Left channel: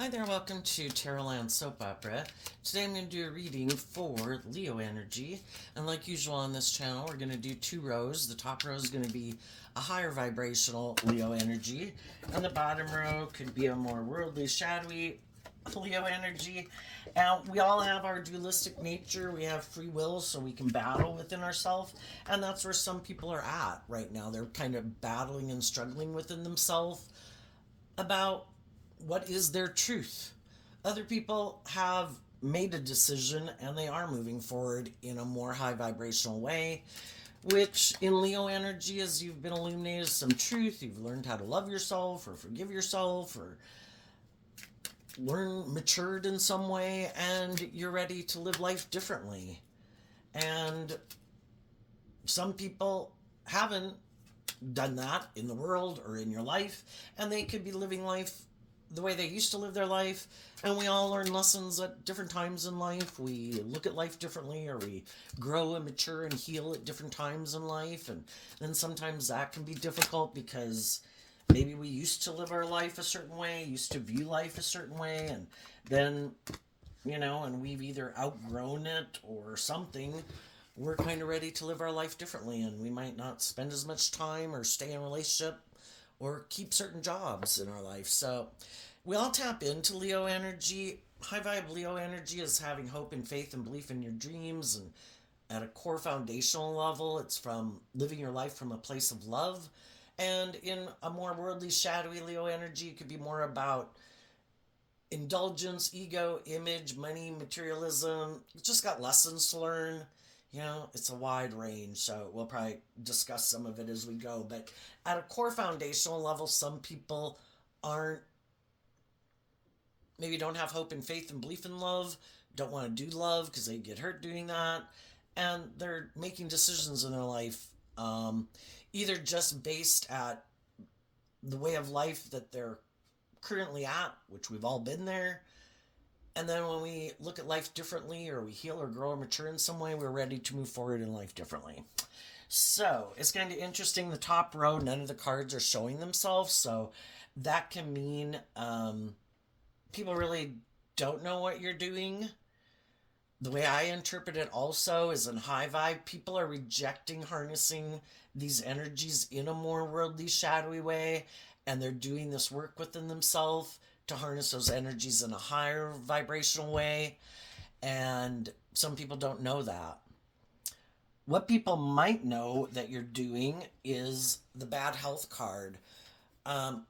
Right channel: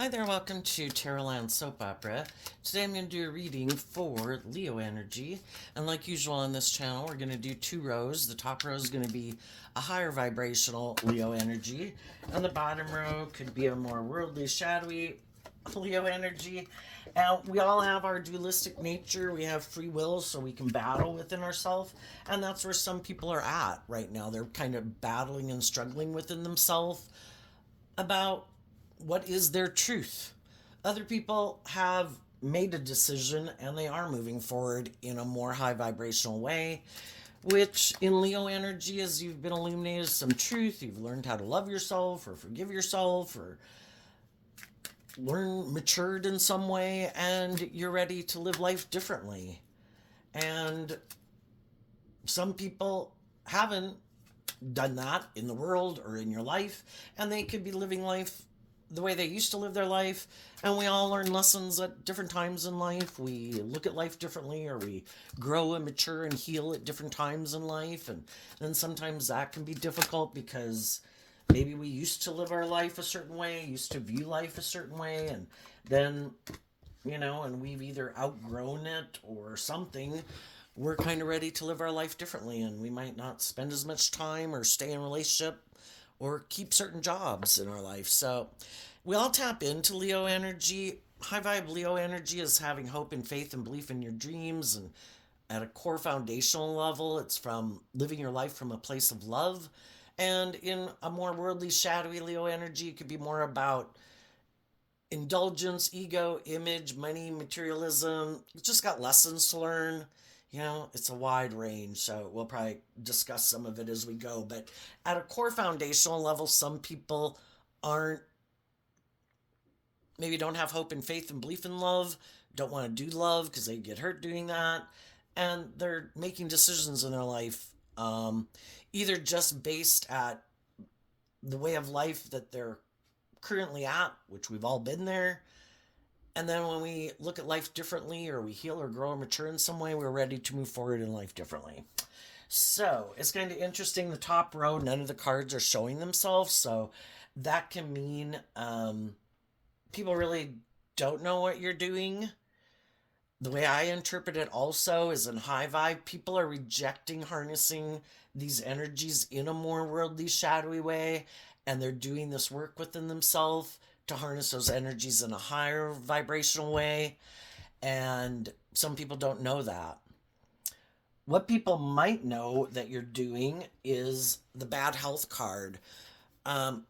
Hi there, welcome to Terrorland Soap Opera. Today I'm going to do a reading for Leo energy. And like usual on this channel, we're going to do two rows. The top row is going to be a higher vibrational Leo energy, and the bottom row could be a more worldly, shadowy Leo energy. Now, we all have our dualistic nature. We have free will, so we can battle within ourselves. And that's where some people are at right now. They're kind of battling and struggling within themselves about what is their truth. Other people have made a decision and they are moving forward in a more high vibrational way, which in Leo energy is you've been illuminated some truth, you've learned how to love yourself or forgive yourself or matured in some way, and you're ready to live life differently. And some people haven't done that in the world or in your life, and they could be living life the way they used to live their life. And we all learn lessons at different times in life. We look at life differently, or we grow and mature and heal at different times in life. And then sometimes that can be difficult because maybe we used to live our life a certain way, used to view life a certain way, and then, and we've either outgrown it or something. We're kind of ready to live our life differently, and we might not spend as much time or stay in a relationship or keep certain jobs in our life. So we all tap into Leo energy. High vibe Leo energy is having hope and faith and belief in your dreams, and at a core foundational level, it's from living your life from a place of love. And in a more worldly, shadowy Leo energy, it could be more about indulgence, ego, image, money, materialism. You just got lessons to learn. It's a wide range, so we'll probably discuss some of it as we go. But at a core foundational level, some people aren't, maybe don't have hope and faith and belief in love, don't want to do love because they get hurt doing that. And they're making decisions in their life, either just based at the way of life that they're currently at, which we've all been there. And then when we look at life differently, or we heal or grow or mature in some way, we're ready to move forward in life differently. So it's kind of interesting. The top row, none of the cards are showing themselves. So that can mean people really don't know what you're doing. The way I interpret it also is in high vibe, people are rejecting harnessing these energies in a more worldly, shadowy way, and they're doing this work within themselves to harness those energies in a higher vibrational way. And some people don't know that. What people might know that you're doing is the bad health card,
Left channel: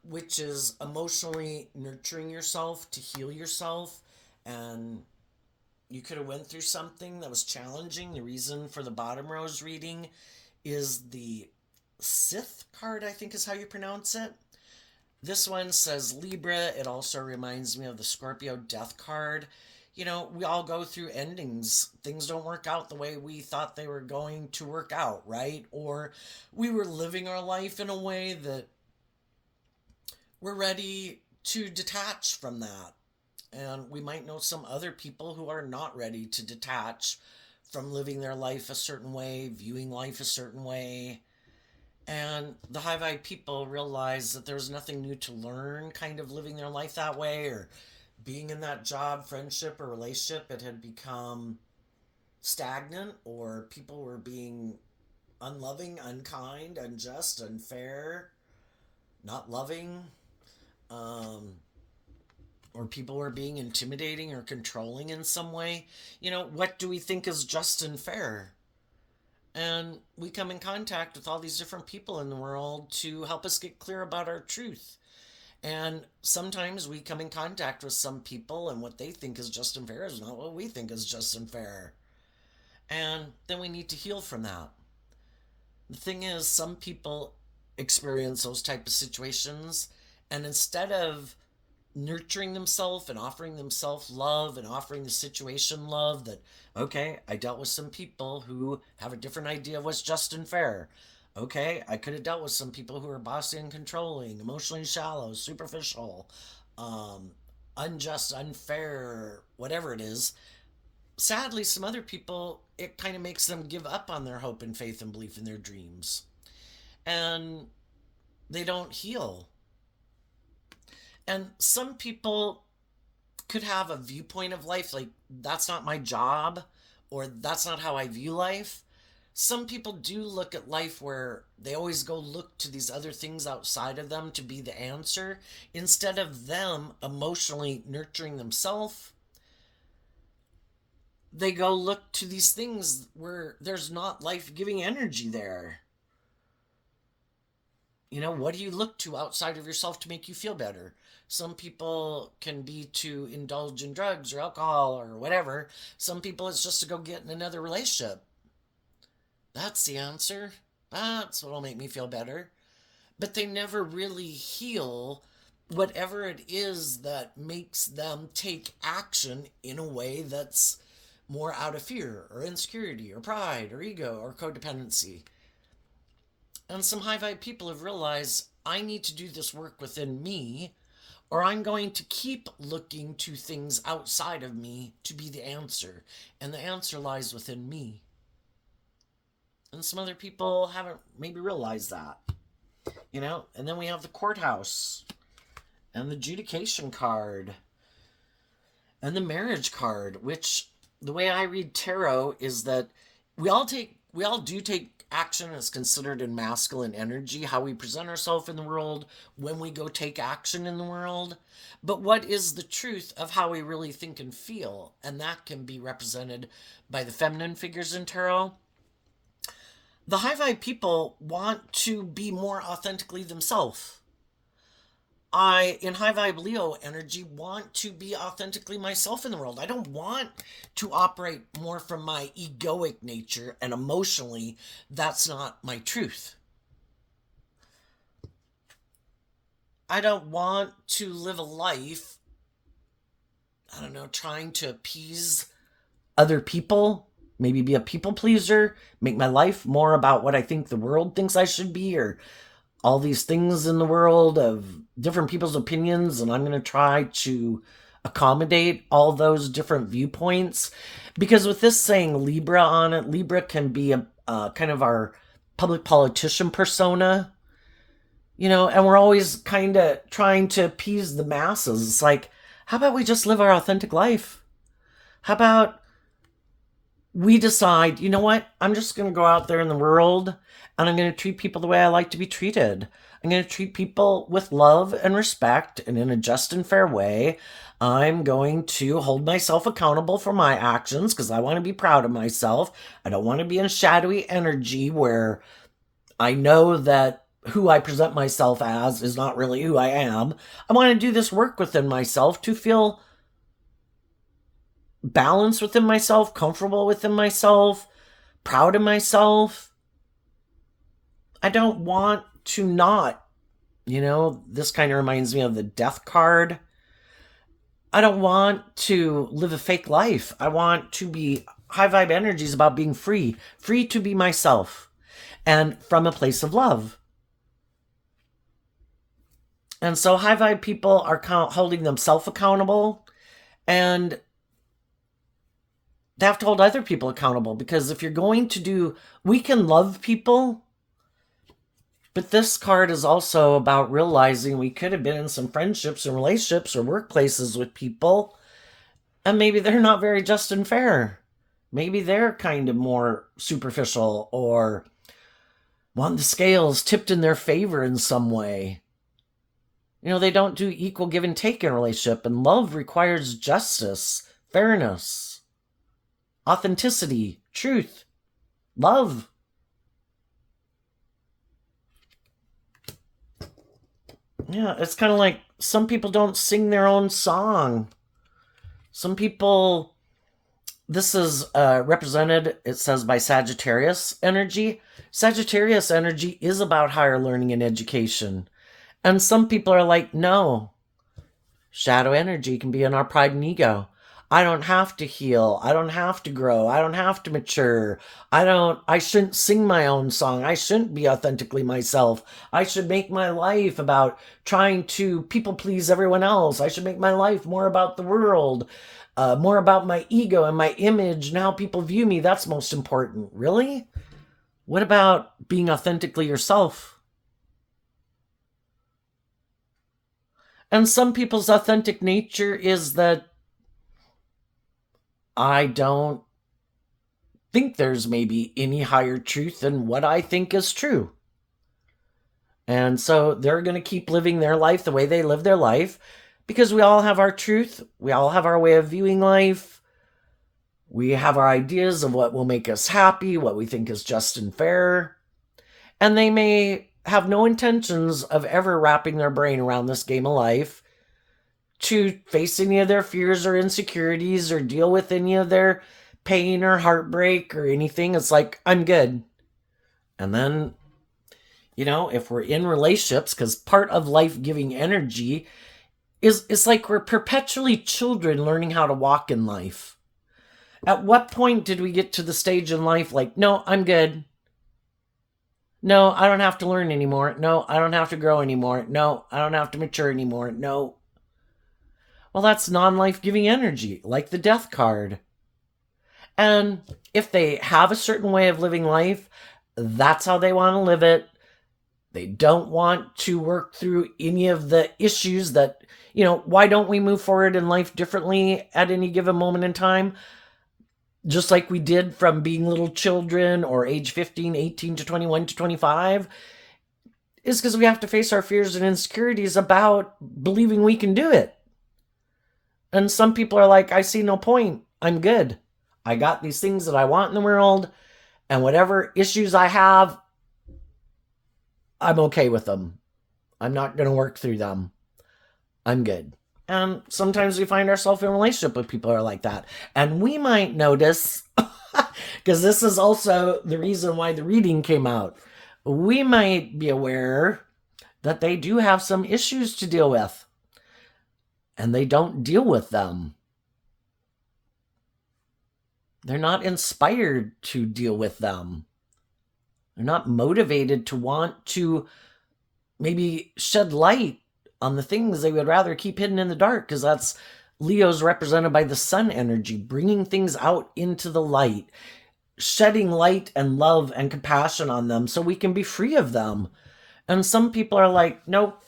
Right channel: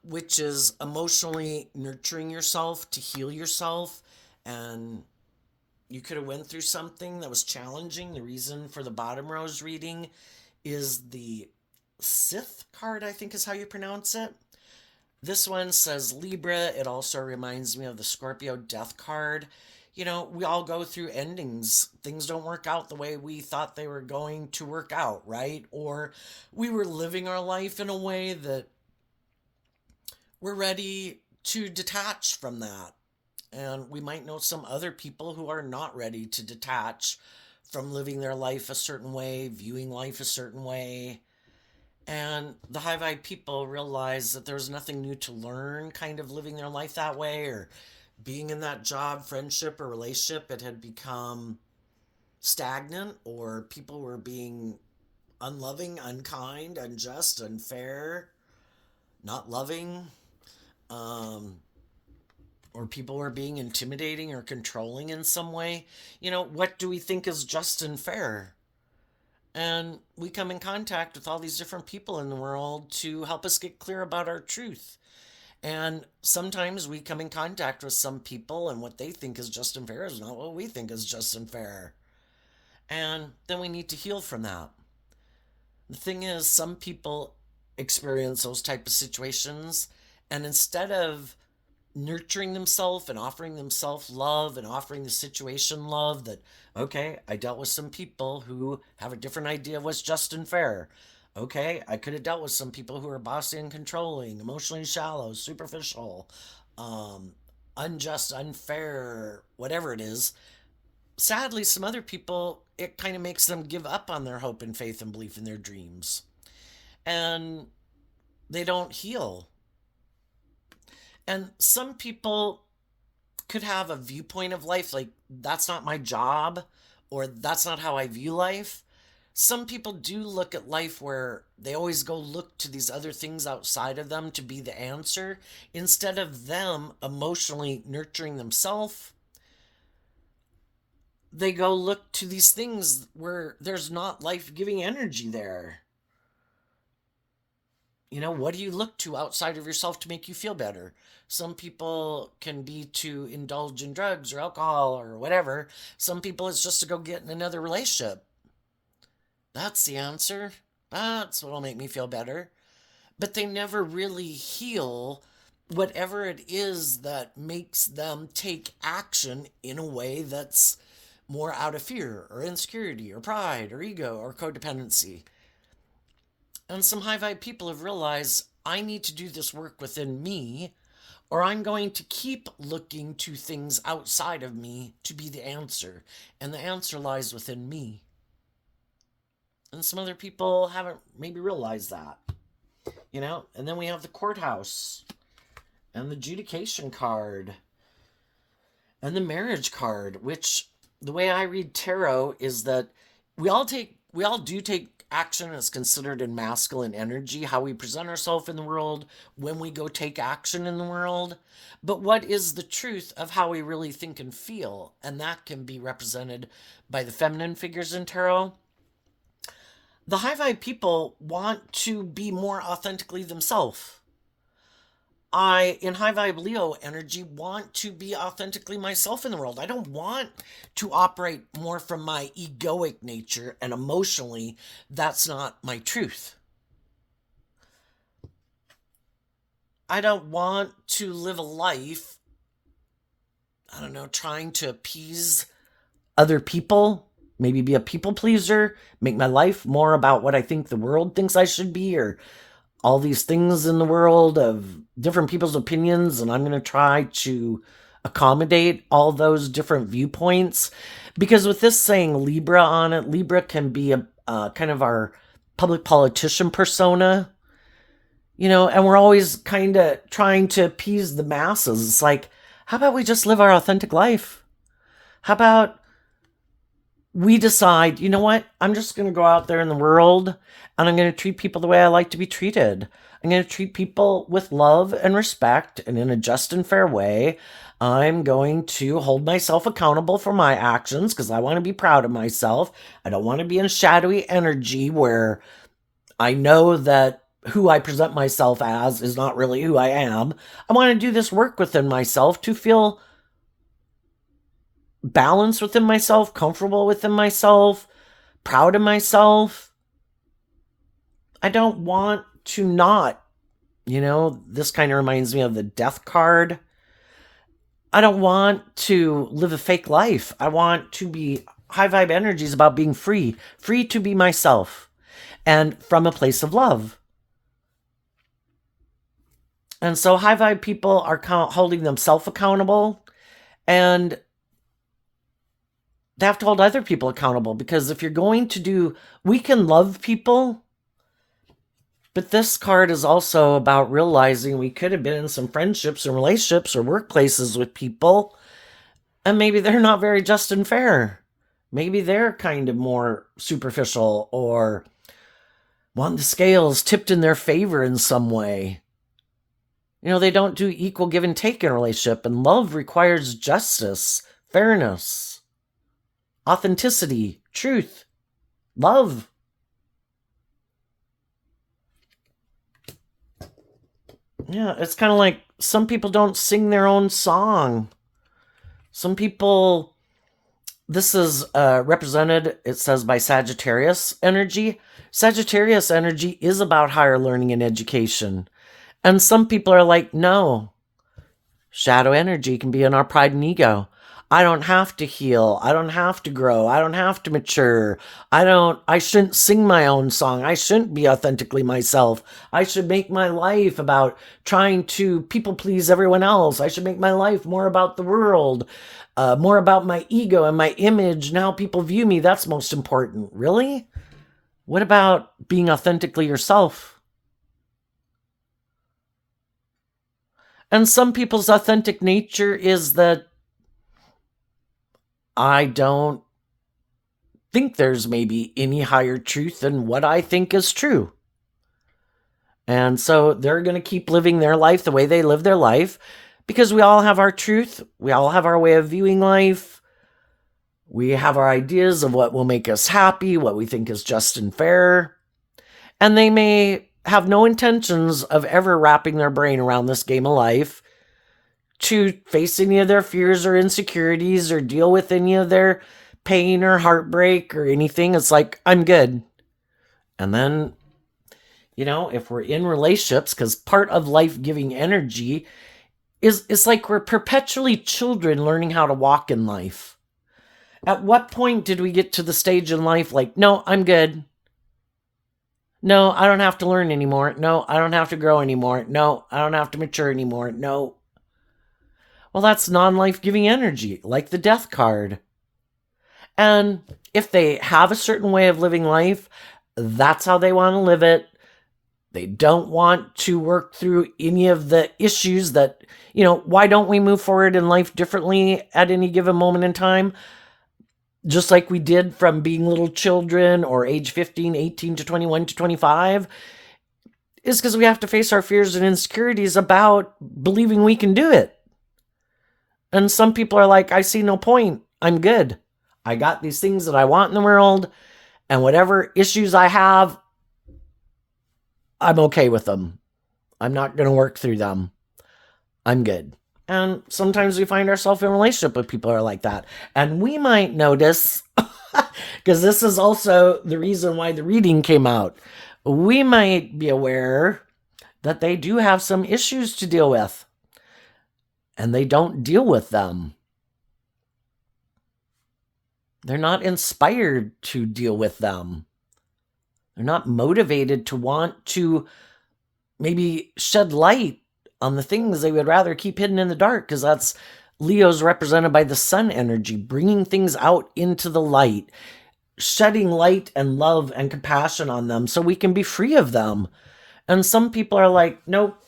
which is emotionally nurturing yourself to heal yourself. And you could have went through something that was challenging. The reason for the bottom row's reading is the Sith card, I think is how you pronounce it. This one says Libra. It also reminds me of the Scorpio death card. We all go through endings. Things don't work out the way we thought they were going to work out, right? Or we were living our life in a way that we're ready to detach from that. And we might know some other people who are not ready to detach from living their life a certain way, viewing life a certain way. And the high vibe people realize that there's nothing new to learn, kind of living their life that way, or being in that job, friendship, or relationship. It had become stagnant, or people were being unloving, unkind, unjust, unfair, not loving. Um, or people were being intimidating or controlling in some way. What do we think is just and fair? And we come in contact with all these different people in the world to help us get clear about our truth. And sometimes we come in contact with some people, and what they think is just and fair is not what we think is just and fair. And then we need to heal from that. The thing is, some people experience those type of situations, and instead of nurturing themselves and offering themselves love and offering the situation love, that okay, I dealt with some people who have a different idea of what's just and fair. Okay, I could have dealt with some people who are bossy and controlling, emotionally shallow, superficial, um, unjust, unfair, whatever it is. Sadly, some other people, it kind of makes them give up on their hope and faith and belief in their dreams, and they don't heal. And some people could have a viewpoint of life like that's not my job or that's not how I view life. Some people do look at life where they always go look to these other things outside of them to be the answer instead of them emotionally nurturing themselves. They go look to these things where there's not life-giving energy there. What do you look to outside of yourself to make you feel better? Some people can be to indulge in drugs or alcohol or whatever. Some people it's just to go get in another relationship. That's the answer. That's what'll make me feel better. But they never really heal whatever it is that makes them take action in a way that's more out of fear or insecurity or pride or ego or codependency. And some high vibe people have realized I need to do this work within me, or I'm going to keep looking to things outside of me to be the answer. And the answer lies within me. And some other people haven't maybe realized that. And then we have the courthouse and the adjudication card and the marriage card, which the way I read tarot is that we all do take action as considered in masculine energy, how we present ourselves in the world when we go take action in the world. But what is the truth of how we really think and feel? And that can be represented by the feminine figures in tarot. The high vibe people want to be more authentically themselves. I, in high vibe Leo energy, want to be authentically myself in the world. I don't want to operate more from my egoic nature, and emotionally, that's not my truth. I don't want to live a life, trying to appease other people, maybe be a people pleaser, make my life more about what I think the world thinks I should be, or all these things in the world of different people's opinions, and I'm going to try to accommodate all those different viewpoints. Because with this saying Libra on it, Libra can be a kind of our public politician persona, and we're always kind of trying to appease the masses. It's like, how about we just live our authentic life? How about we decide, you know what, I'm just going to go out there in the world and I'm going to treat people the way I like to be treated. I'm going to treat people with love and respect and in a just and fair way. I'm going to hold myself accountable for my actions because I want to be proud of myself. I don't want to be in shadowy energy where I know that who I present myself as is not really who I am. I want to do this work within myself to feel balanced within myself, comfortable within myself, proud of myself. I don't want to not, this kind of reminds me of the death card. I don't want to live a fake life. I want to be high vibe energies about being free to be myself and from a place of love. And so high vibe people are holding themselves accountable, and they have to hold other people accountable, because if you're going to we can love people, but this card is also about realizing we could have been in some friendships or relationships or workplaces with people, and maybe they're not very just and fair. Maybe they're kind of more superficial or want the scales tipped in their favor in some way. They don't do equal give and take in a relationship, and love requires justice, fairness, authenticity, truth, love. Yeah, it's kind of like some people don't sing their own song. Some people, this is represented, it says, by Sagittarius energy. Sagittarius energy is about higher learning and education. And some people are like, no, shadow energy can be in our pride and ego. I don't have to heal. I don't have to grow. I don't have to mature. I shouldn't sing my own song. I shouldn't be authentically myself. I should make my life about trying to people please everyone else. I should make my life more about the world, more about my ego and my image and how people view me. That's most important. Really? What about being authentically yourself? And some people's authentic nature is that I don't think there's maybe any higher truth than what I think is true. And so they're going to keep living their life the way they live their life because we all have our truth. We all have our way of viewing life. We have our ideas of what will make us happy, what we think is just and fair. And they may have no intentions of ever wrapping their brain around this game of life to face any of their fears or insecurities or deal with any of their pain or heartbreak or anything. It's like, I'm good. And then, if we're in relationships, because part of life-giving energy is it's like we're perpetually children learning how to walk in life. At what point did we get to the stage in life like, no, I'm good. No, I don't have to learn anymore. No, I don't have to grow anymore. No, I don't have to mature anymore. No. Well, that's non-life-giving energy, like the death card. And if they have a certain way of living life, that's how they want to live it. They don't want to work through any of the issues that, why don't we move forward in life differently at any given moment in time? Just like we did from being little children or age 15, 18 to 21 to 25, is because we have to face our fears and insecurities about believing we can do it. And some people are like, I see no point. I'm good. I got these things that I want in the world, and whatever issues I have, I'm okay with them. I'm not going to work through them. I'm good. And sometimes we find ourselves in a relationship with people who are like that. And we might notice, because this is also the reason why the reading came out, we might be aware that they do have some issues to deal with. And they don't deal with them. They're not inspired to deal with them. They're not motivated to want to maybe shed light on the things they would rather keep hidden in the dark, because that's Leo's represented by the sun energy, bringing things out into the light, shedding light and love and compassion on them so we can be free of them. And some people are like, nope.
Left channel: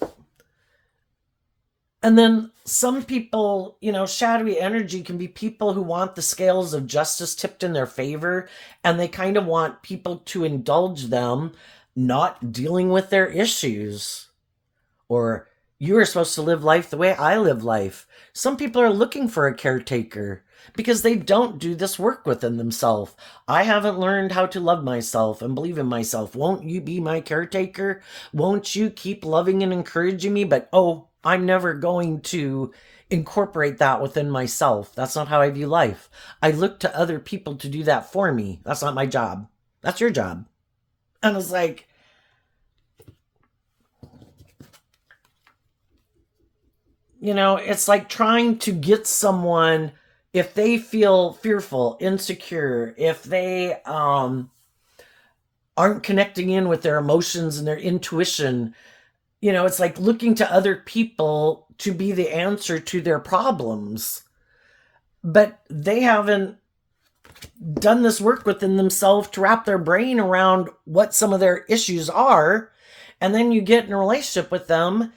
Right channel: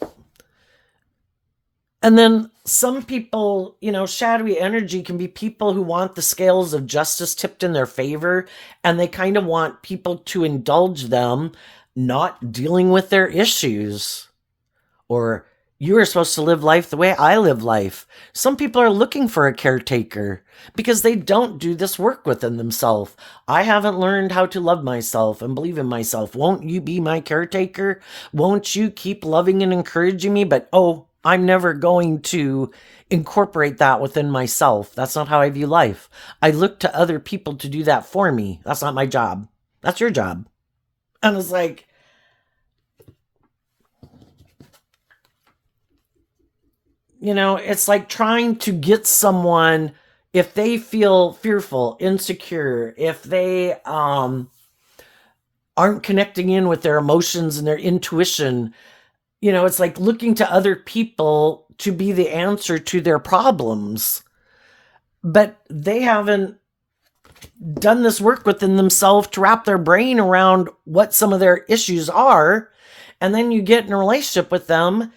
And then some people, shadowy energy can be people who want the scales of justice tipped in their favor, and they kind of want people to indulge them not dealing with their issues. Or, you are supposed to live life the way I live life. Some people are looking for a caretaker because they don't do this work within themselves. I haven't learned how to love myself and believe in myself. Won't you be my caretaker? Won't you keep loving and encouraging me? But, I'm never going to incorporate that within myself. That's not how I view life. I look to other people to do that for me. That's not my job. That's your job. And it's like, it's like trying to get someone, if they feel fearful, insecure, if they aren't connecting in with their emotions and their intuition, it's like looking to other people to be the answer to their problems. But they haven't done this work within themselves to wrap their brain around what some of their issues are. And then you get in a relationship with them,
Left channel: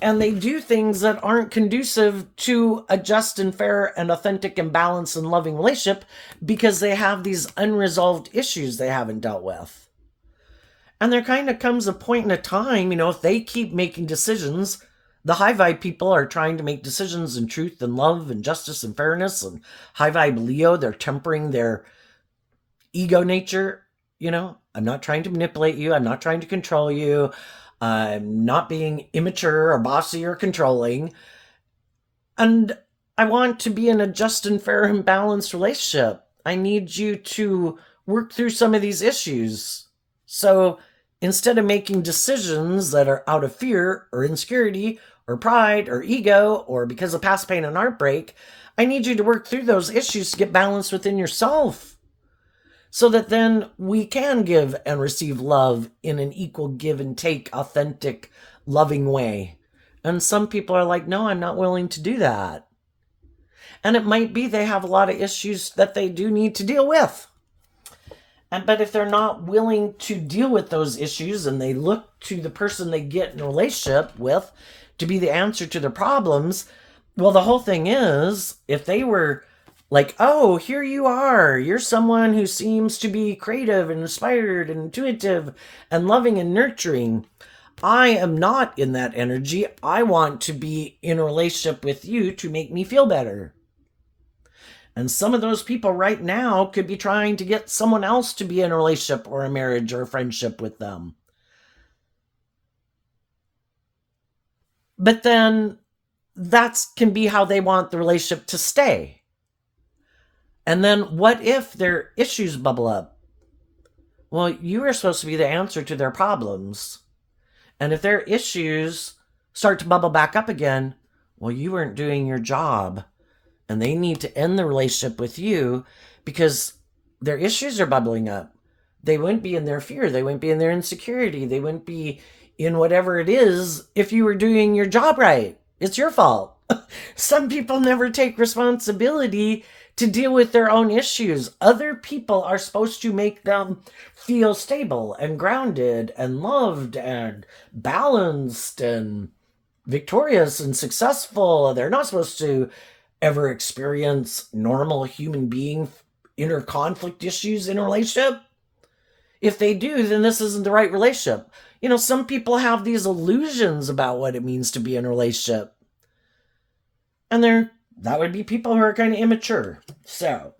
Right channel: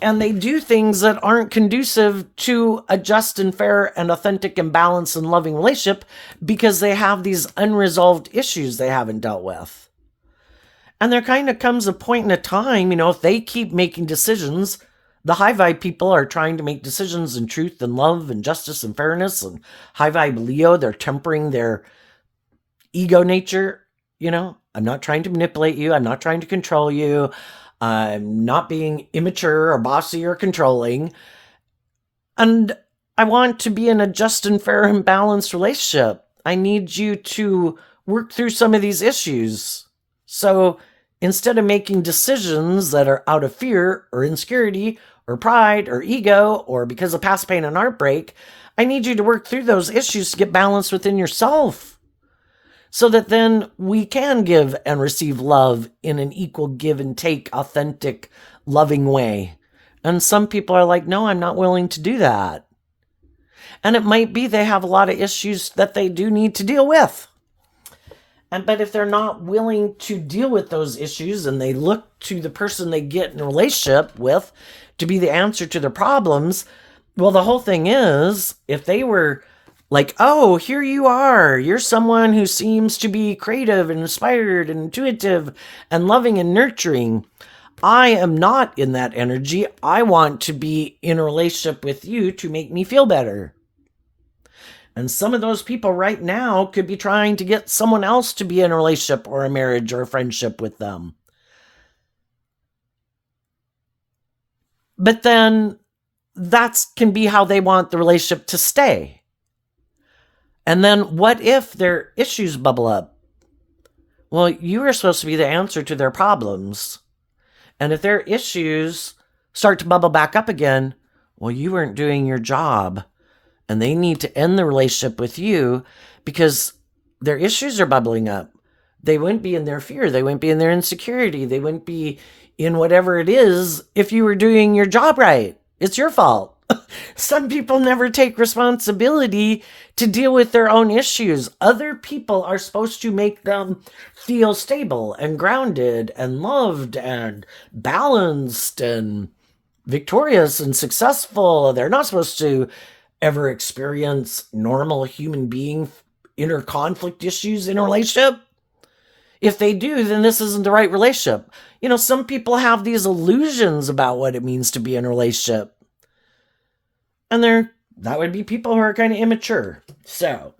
and they do things that aren't conducive to a just and fair and authentic and balanced and loving relationship because they have these unresolved issues they haven't dealt with. And there kind of comes a point in a time, if they keep making decisions, the high vibe people are trying to make decisions in truth and love and justice and fairness, and high vibe Leo, they're tempering their ego nature. I'm not trying to manipulate you. I'm not trying to control you. I'm not being immature or bossy or controlling. And I want to be in a just and fair and balanced relationship. I need you to work through some of these issues. So instead of making decisions that are out of fear or insecurity or pride or ego or because of past pain and heartbreak, I need you to work through those issues to get balance within yourself, so that then we can give and receive love in an equal give and take, authentic, loving way. And some people are like, no, I'm not willing to do that. And it might be they have a lot of issues that they do need to deal with. But if they're not willing to deal with those issues and they look to the person they get in a relationship with to be the answer to their problems, well, the whole thing is, if they were Like, oh, here you are. You're someone who seems to be creative and inspired and intuitive and loving and nurturing. I am not in that energy. I want to be in a relationship with you to make me feel better. And some of those people right now could be trying to get someone else to be in a relationship or a marriage or a friendship with them. But then that can be how they want the relationship to stay. And then what if their issues bubble up? Well, you are supposed to be the answer to their problems. And if their issues start to bubble back up again, well, you weren't doing your job. And they need to end the relationship with you because their issues are bubbling up. They wouldn't be in their fear. They wouldn't be in their insecurity. They wouldn't be in whatever it is if you were doing your job right. It's your fault. Some people never take responsibility to deal with their own issues. Other people are supposed to make them feel stable and grounded and loved and balanced and victorious and successful. They're not supposed to ever experience normal human being inner conflict issues in a relationship. If they do, then this isn't the right relationship. You know, some people have these illusions about what it means to be in a relationship. And that would be people who are kind of immature. So,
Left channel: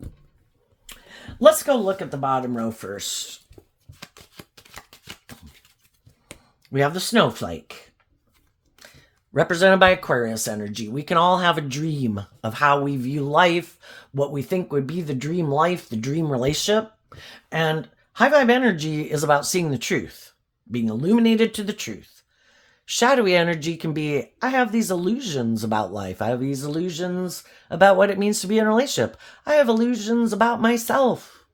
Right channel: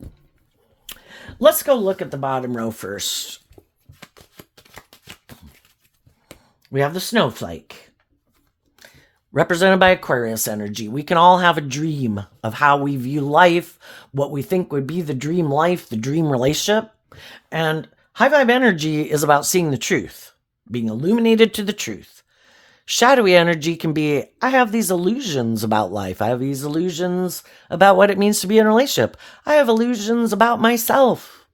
let's go look at the bottom row first. We have the snowflake, represented by Aquarius energy. We can all have a dream of how we view life, what we think would be the dream life, the dream relationship. And high vibe energy is about seeing the truth, being illuminated to the truth. Shadowy energy can be, I have these illusions about life. I have these illusions about what it means to be in a relationship. I have illusions about myself.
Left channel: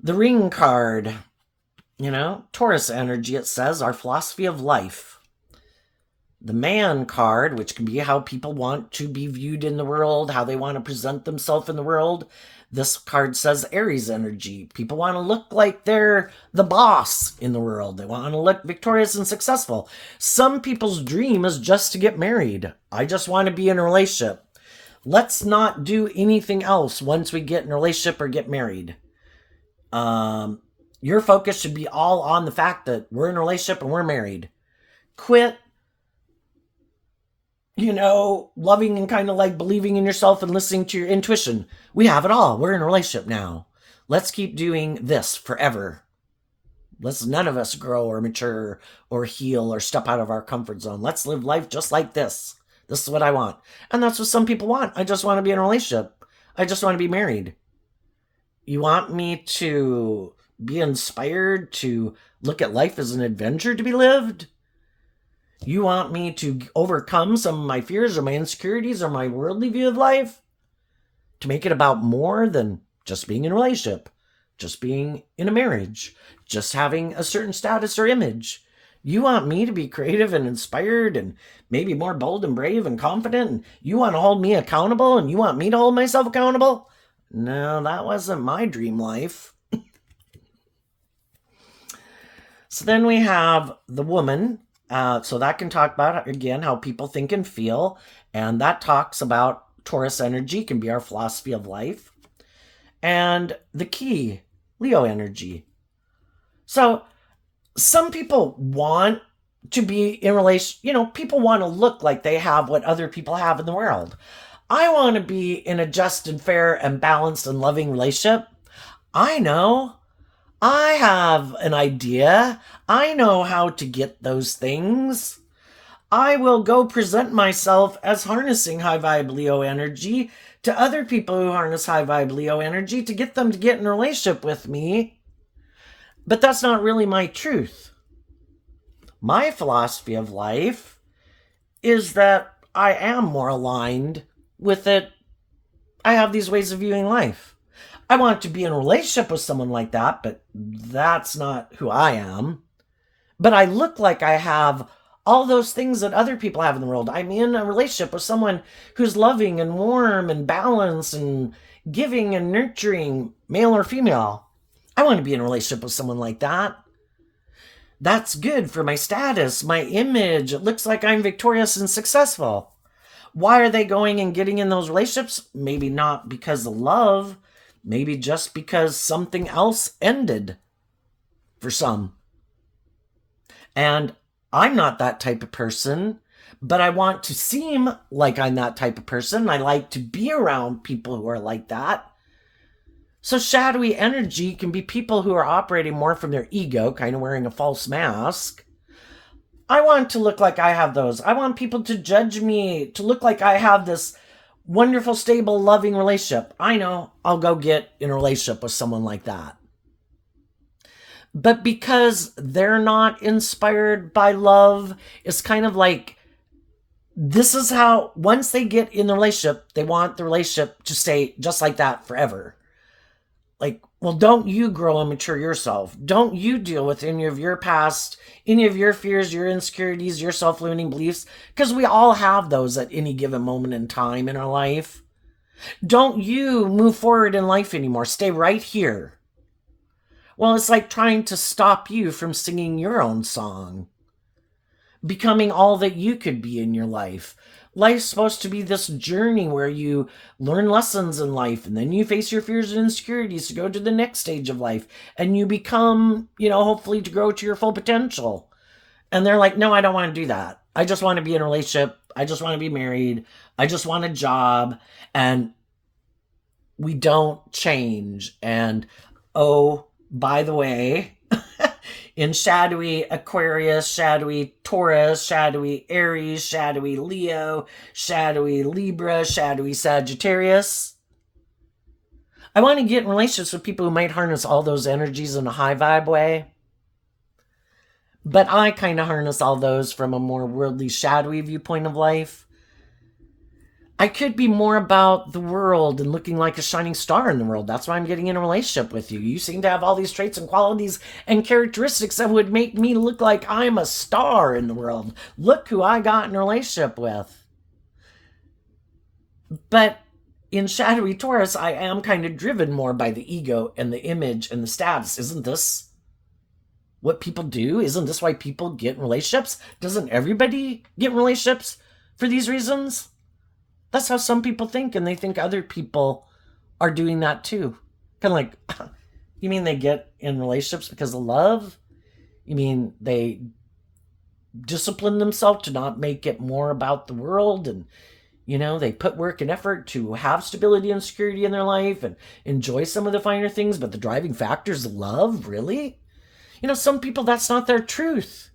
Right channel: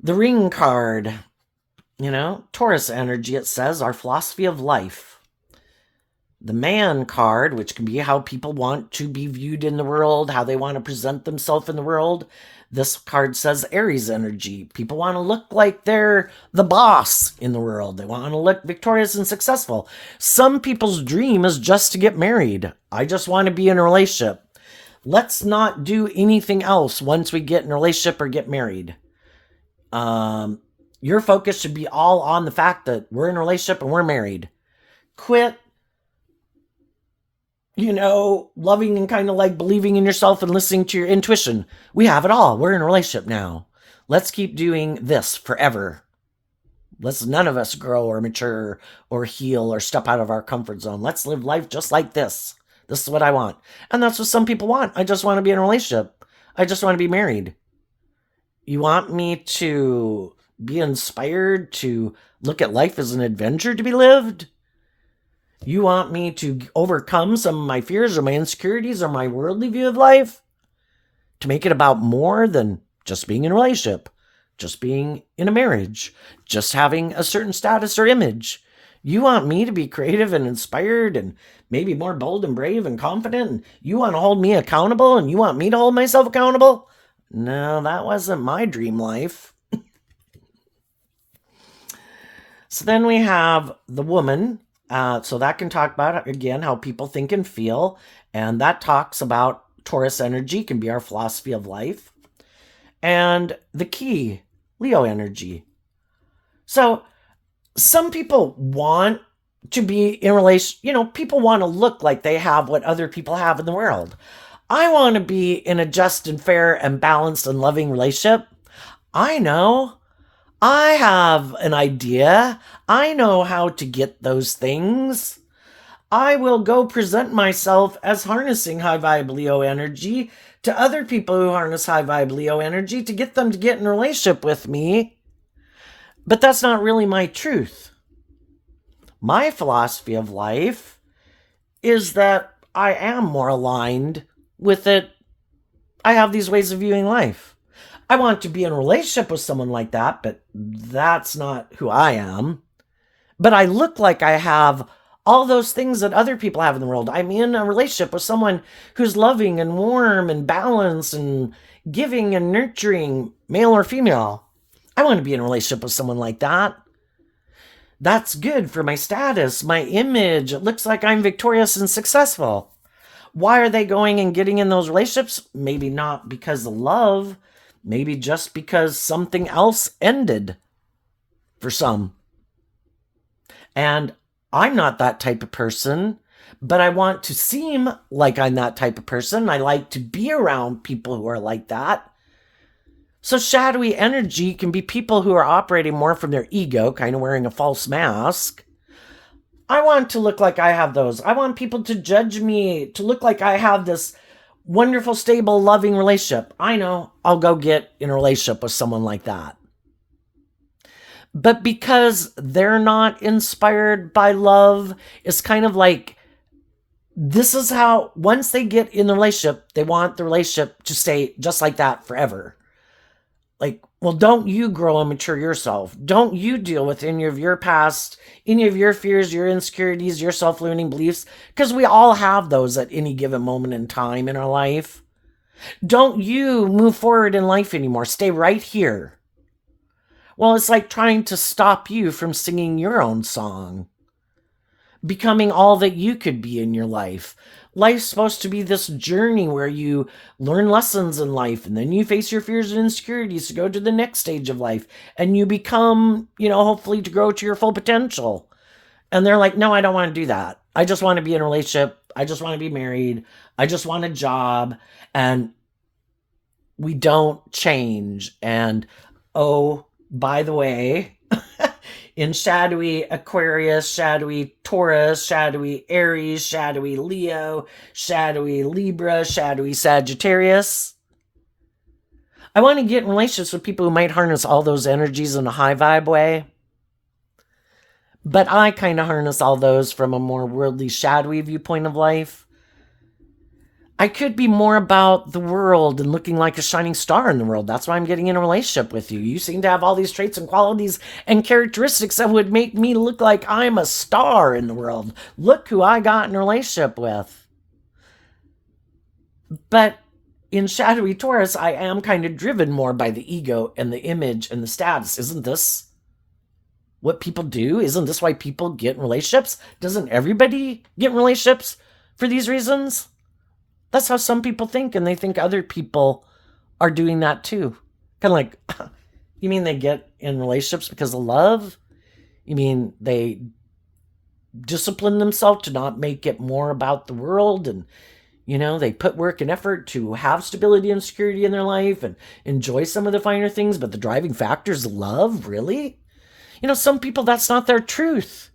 The ring card, Taurus energy, it says, our philosophy of life. The man card, which can be how people want to be viewed in the world, how they want to present themselves in the world. This card says Aries energy. People want to look like they're the boss in the world. They want to look victorious and successful. Some people's dream is just to get married. I just want to be in a relationship. Let's not do anything else once we get in a relationship or get married. Your focus should be all on the fact that we're in a relationship and we're married. Quit loving and kind of like believing in yourself and listening to your intuition. We have it all. We're in a relationship now. Let's keep doing this forever. Let's none of us grow or mature or heal or step out of our comfort zone. Let's live life just like this. This is what I want. And that's what some people want. I just want to be in a relationship. I just want to be married. You want me to be inspired to look at life as an adventure to be lived? You want me to overcome some of my fears or my insecurities or my worldly view of life? To make it about more than just being in a relationship, just being in a marriage, just having a certain status or image. You want me to be creative and inspired and maybe more bold and brave and confident, and you want to hold me accountable and you want me to hold myself accountable? No, that wasn't my dream life. So then we have the woman. So that can talk about, again, how people think and feel. And that talks about Taurus energy, can be our philosophy of life. And the key, Leo energy. So some people want to be in relation, people want to look like they have what other people have in the world. I want to be in a just and fair and balanced and loving relationship. I know. I have an idea. I know how to get those things. I will go present myself as harnessing high vibe Leo energy to other people who harness high vibe Leo energy to get them to get in a relationship with me. But that's not really my truth. My philosophy of life is that I am more aligned with it. I have these ways of viewing life. I want to be in a relationship with someone like that, but that's not who I am. But I look like I have all those things that other people have in the world. I'm in a relationship with someone who's loving and warm and balanced and giving and nurturing, male or female. I want to be in a relationship with someone like that. That's good for my status, my image. It looks like I'm victorious and successful. Why are they going and getting in those relationships? Maybe not because of love, maybe just because something else ended for some. And I'm not that type of person, but I want to seem like I'm that type of person. I like to be around people who are like that. So, shadowy energy can be people who are operating more from their ego, kind of wearing a false mask. I want to look like I have those. I want people to judge me, to look like I have this wonderful, stable, loving relationship. I know I'll go get in a relationship with someone like that. But because they're not inspired by love, it's kind of like this is how, once they get in the relationship, they want the relationship to stay just like that forever. Like, well, don't you grow and mature yourself? Don't you deal with any of your past, any of your fears, your insecurities, your self-limiting beliefs? Because we all have those at any given moment in time in our life. Don't you move forward in life anymore. Stay right here. Well, it's like trying to stop you from singing your own song, becoming all that you could be in your life. Life's supposed to be this journey where you learn lessons in life and then you face your fears and insecurities to go to the next stage of life and you become, hopefully to grow to your full potential. And they're like, no, I don't want to do that. I just want to be in a relationship. I just want to be married. I just want a job. And we don't change. And oh, by the way, in shadowy Aquarius, shadowy Taurus, shadowy Aries, shadowy Leo, shadowy Libra, shadowy Sagittarius, I want to get in relationships with people who might harness all those energies in a high vibe way. But I kind of harness all those from a more worldly, shadowy viewpoint of life. I could be more about the world and looking like a shining star in the world. That's why I'm getting in a relationship with you. You seem to have all these traits and qualities and characteristics that would make me look like I'm a star in the world. Look who I got in a relationship with. But in shadowy Taurus, I am kind of driven more by the ego and the image and the status. Isn't this what people do? Isn't this why people get in relationships? Doesn't everybody get in relationships for these reasons? That's how some people think, and they think other people are doing that too. Kind of like, you mean they get in relationships because of love? You mean they discipline themselves to not make it more about the world, and they put work and effort to have stability and security in their life and enjoy some of the finer things, but the driving factor is love? Really? Some people, that's not their truth.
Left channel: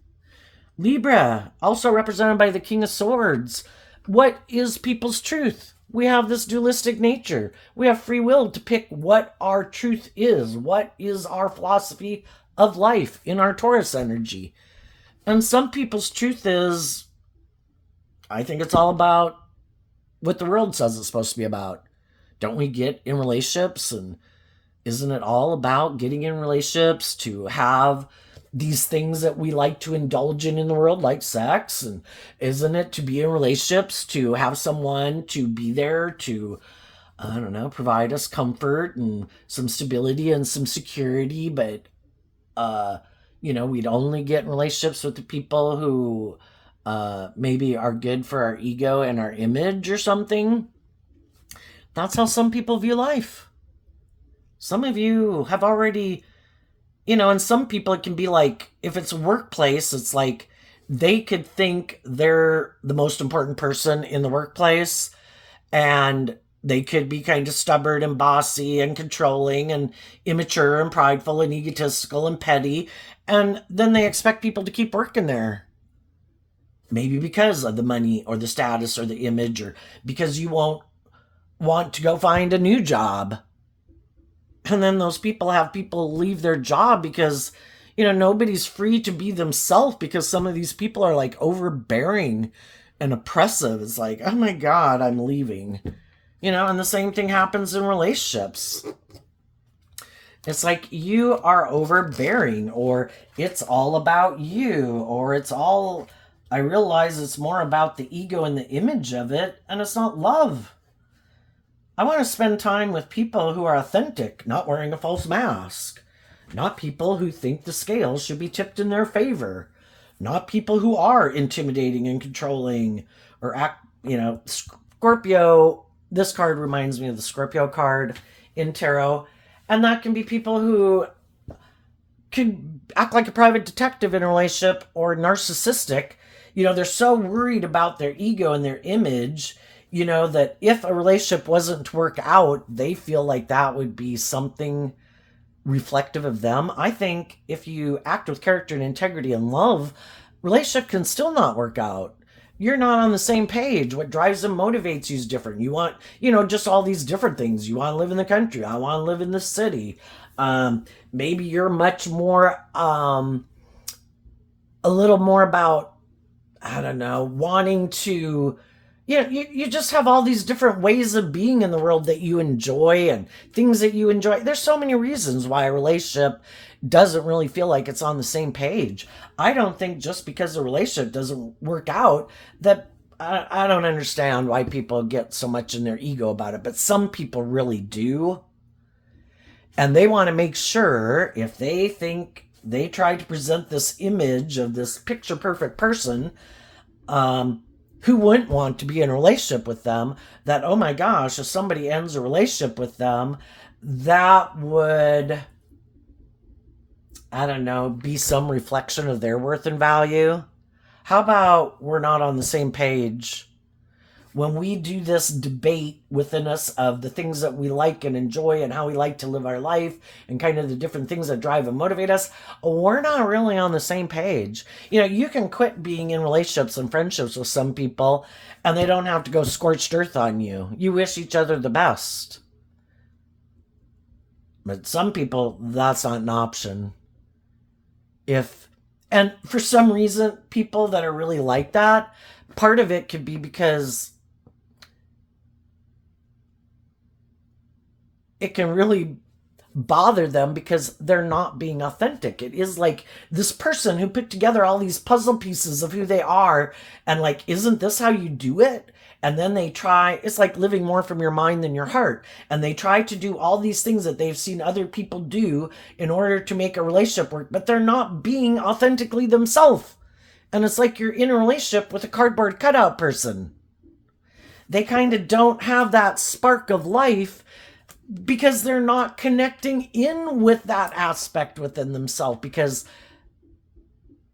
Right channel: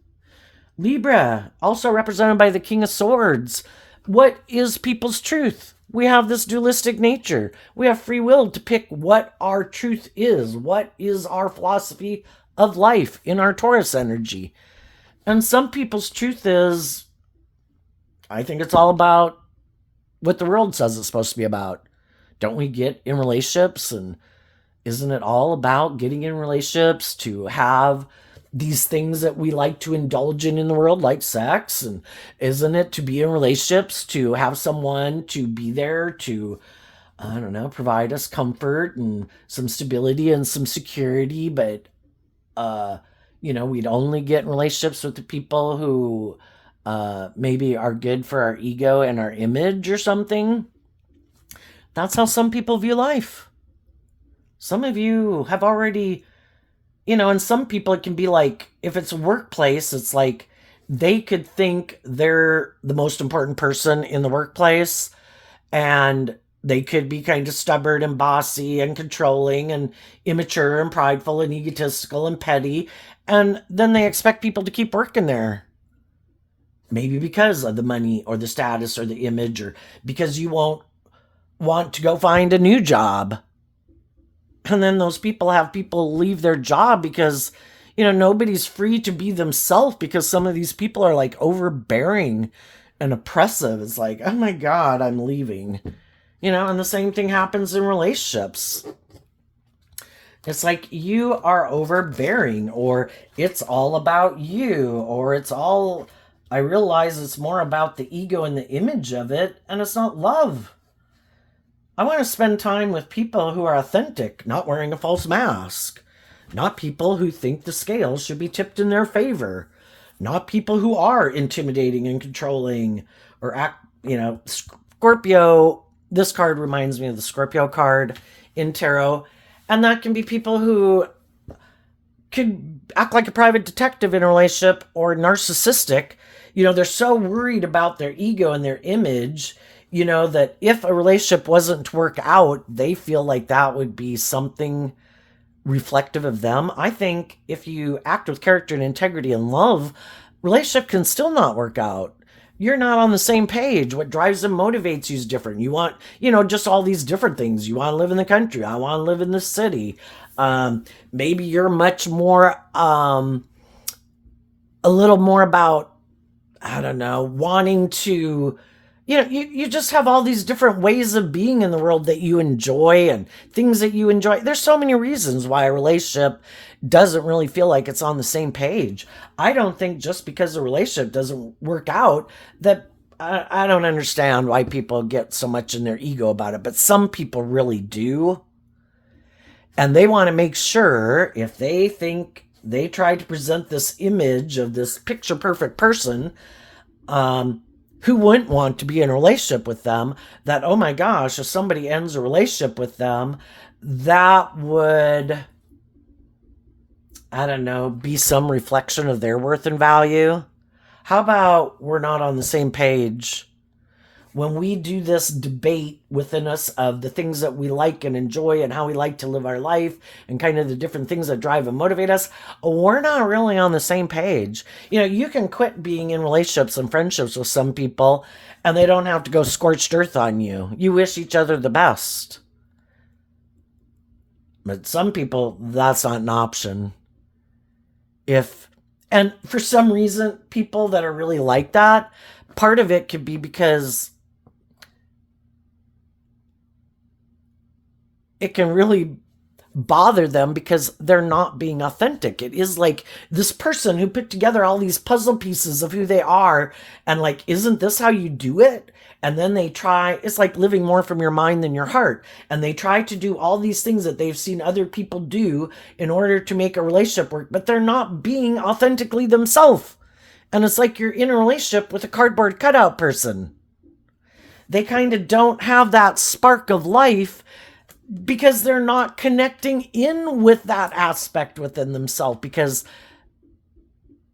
Libra, also represented by the King of Swords. What is people's truth? We have this dualistic nature. We have free will to pick what our truth is. What is our philosophy of life in our Taurus energy? And some people's truth is, I think it's all about what the world says it's supposed to be about. Don't we get in relationships, and isn't it all about getting in relationships to have these things that we like to indulge in the world, like sex? And isn't it to be in relationships to have someone to be there to, I don't know, provide us comfort and some stability and some security? But we'd only get in relationships with the people who maybe are good for our ego and our image or something. That's how some people view life. Some of you have already, and some people it can be like, if it's a workplace, it's like they could think they're the most important person in the workplace, and they could be kind of stubborn and bossy and controlling and immature and prideful and egotistical and petty. And then they expect people to keep working there. Maybe because of the money or the status or the image, or because you won't want to go find a new job. And then those people have people leave their job because, nobody's free to be themselves, because some of these people are like overbearing and oppressive. It's like, oh my God, I'm leaving. And the same thing happens in relationships. It's like you are overbearing, or it's all about you, or I realize it's more about the ego and the image of it, and it's not love. I want to spend time with people who are authentic, not wearing a false mask. Not people who think the scales should be tipped in their favor. Not people who are intimidating and controlling, or act Scorpio, this card reminds me of the Scorpio card in tarot. And that can be people who can act like a private detective in a relationship or narcissistic. They're so worried about their ego and their image, that if a relationship wasn't to work out, they feel like that would be something reflective of them. I think if you act with character and integrity and love, relationship can still not work out. You're not on the same page. What drives and motivates you is different. You want, just all these different things. You want to live in the country. I want to live in the city. Maybe you're much more, a little more about, I don't know, wanting to, you just have all these different ways of being in the world that you enjoy and things that you enjoy. There's so many reasons why a relationship doesn't really feel like it's on the same page. I don't think just because a relationship doesn't work out that I don't understand why people get so much in their ego about it, but some people really do. And they want to make sure if they think they try to present this image of this picture perfect person, who wouldn't want to be in a relationship with them, that, oh my gosh, if somebody ends a relationship with them, that would, I don't know, be some reflection of their worth and value. How about we're not on the same page? When we do this debate within us of the things that we like and enjoy and how we like to live our life and kind of the different things that drive and motivate us, we're not really on the same page. You can quit being in relationships and friendships with some people and they don't have to go scorched earth on you. You wish each other the best. But some people, that's not an option. And for some reason, people that are really like that, part of it could be because it can really bother them because they're not being authentic. It is like this person who put together all these puzzle pieces of who they are, and like, isn't this how you do it? And then they try, it's like living more from your mind than your heart. And they try to do all these things that they've seen other people do in order to make a relationship work, but they're not being authentically themselves. And it's like you're in a relationship with a cardboard cutout person. They kind of don't have that spark of life because they're not connecting in with that aspect within themselves. Because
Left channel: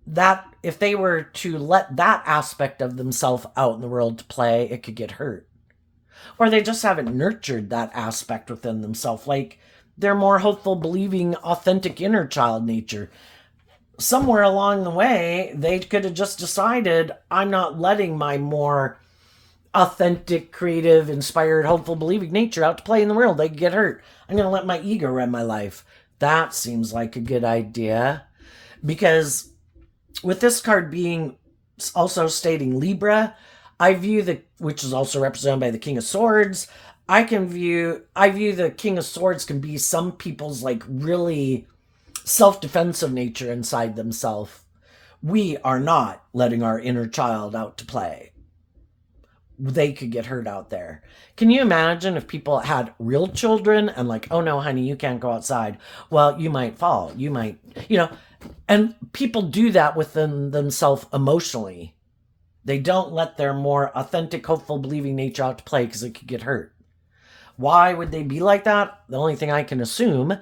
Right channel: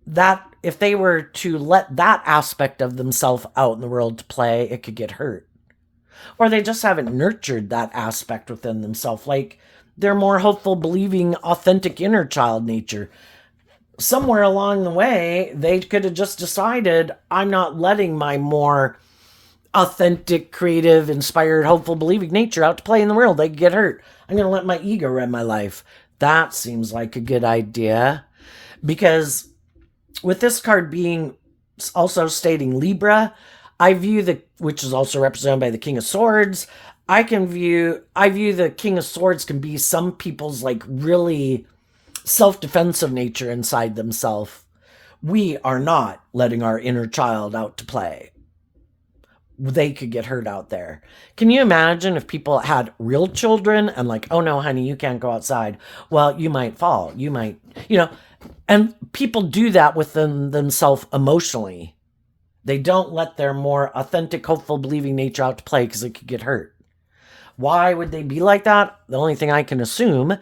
that, if they were to let that aspect of themselves out in the world to play, it could get hurt. Or they just haven't nurtured that aspect within themselves. Like they're more hopeful, believing, authentic inner child nature. Somewhere along the way, they could have just decided, I'm not letting my more authentic, creative, inspired, hopeful, believing nature out to play in the world. They could get hurt. I'm going to let my ego run my life. That seems like a good idea. Because with this card being also stating Libra, I view which is also represented by the King of Swords, I view the King of Swords can be some people's like really self-defensive nature inside themselves. We are not letting our inner child out to play. They could get hurt out there. Can you imagine if people had real children and like, oh no, honey, you can't go outside. Well, you might fall. You might, and people do that within themselves emotionally. They don't let their more authentic, hopeful, believing nature out to play because it could get hurt. Why would they be like that? The only thing I can assume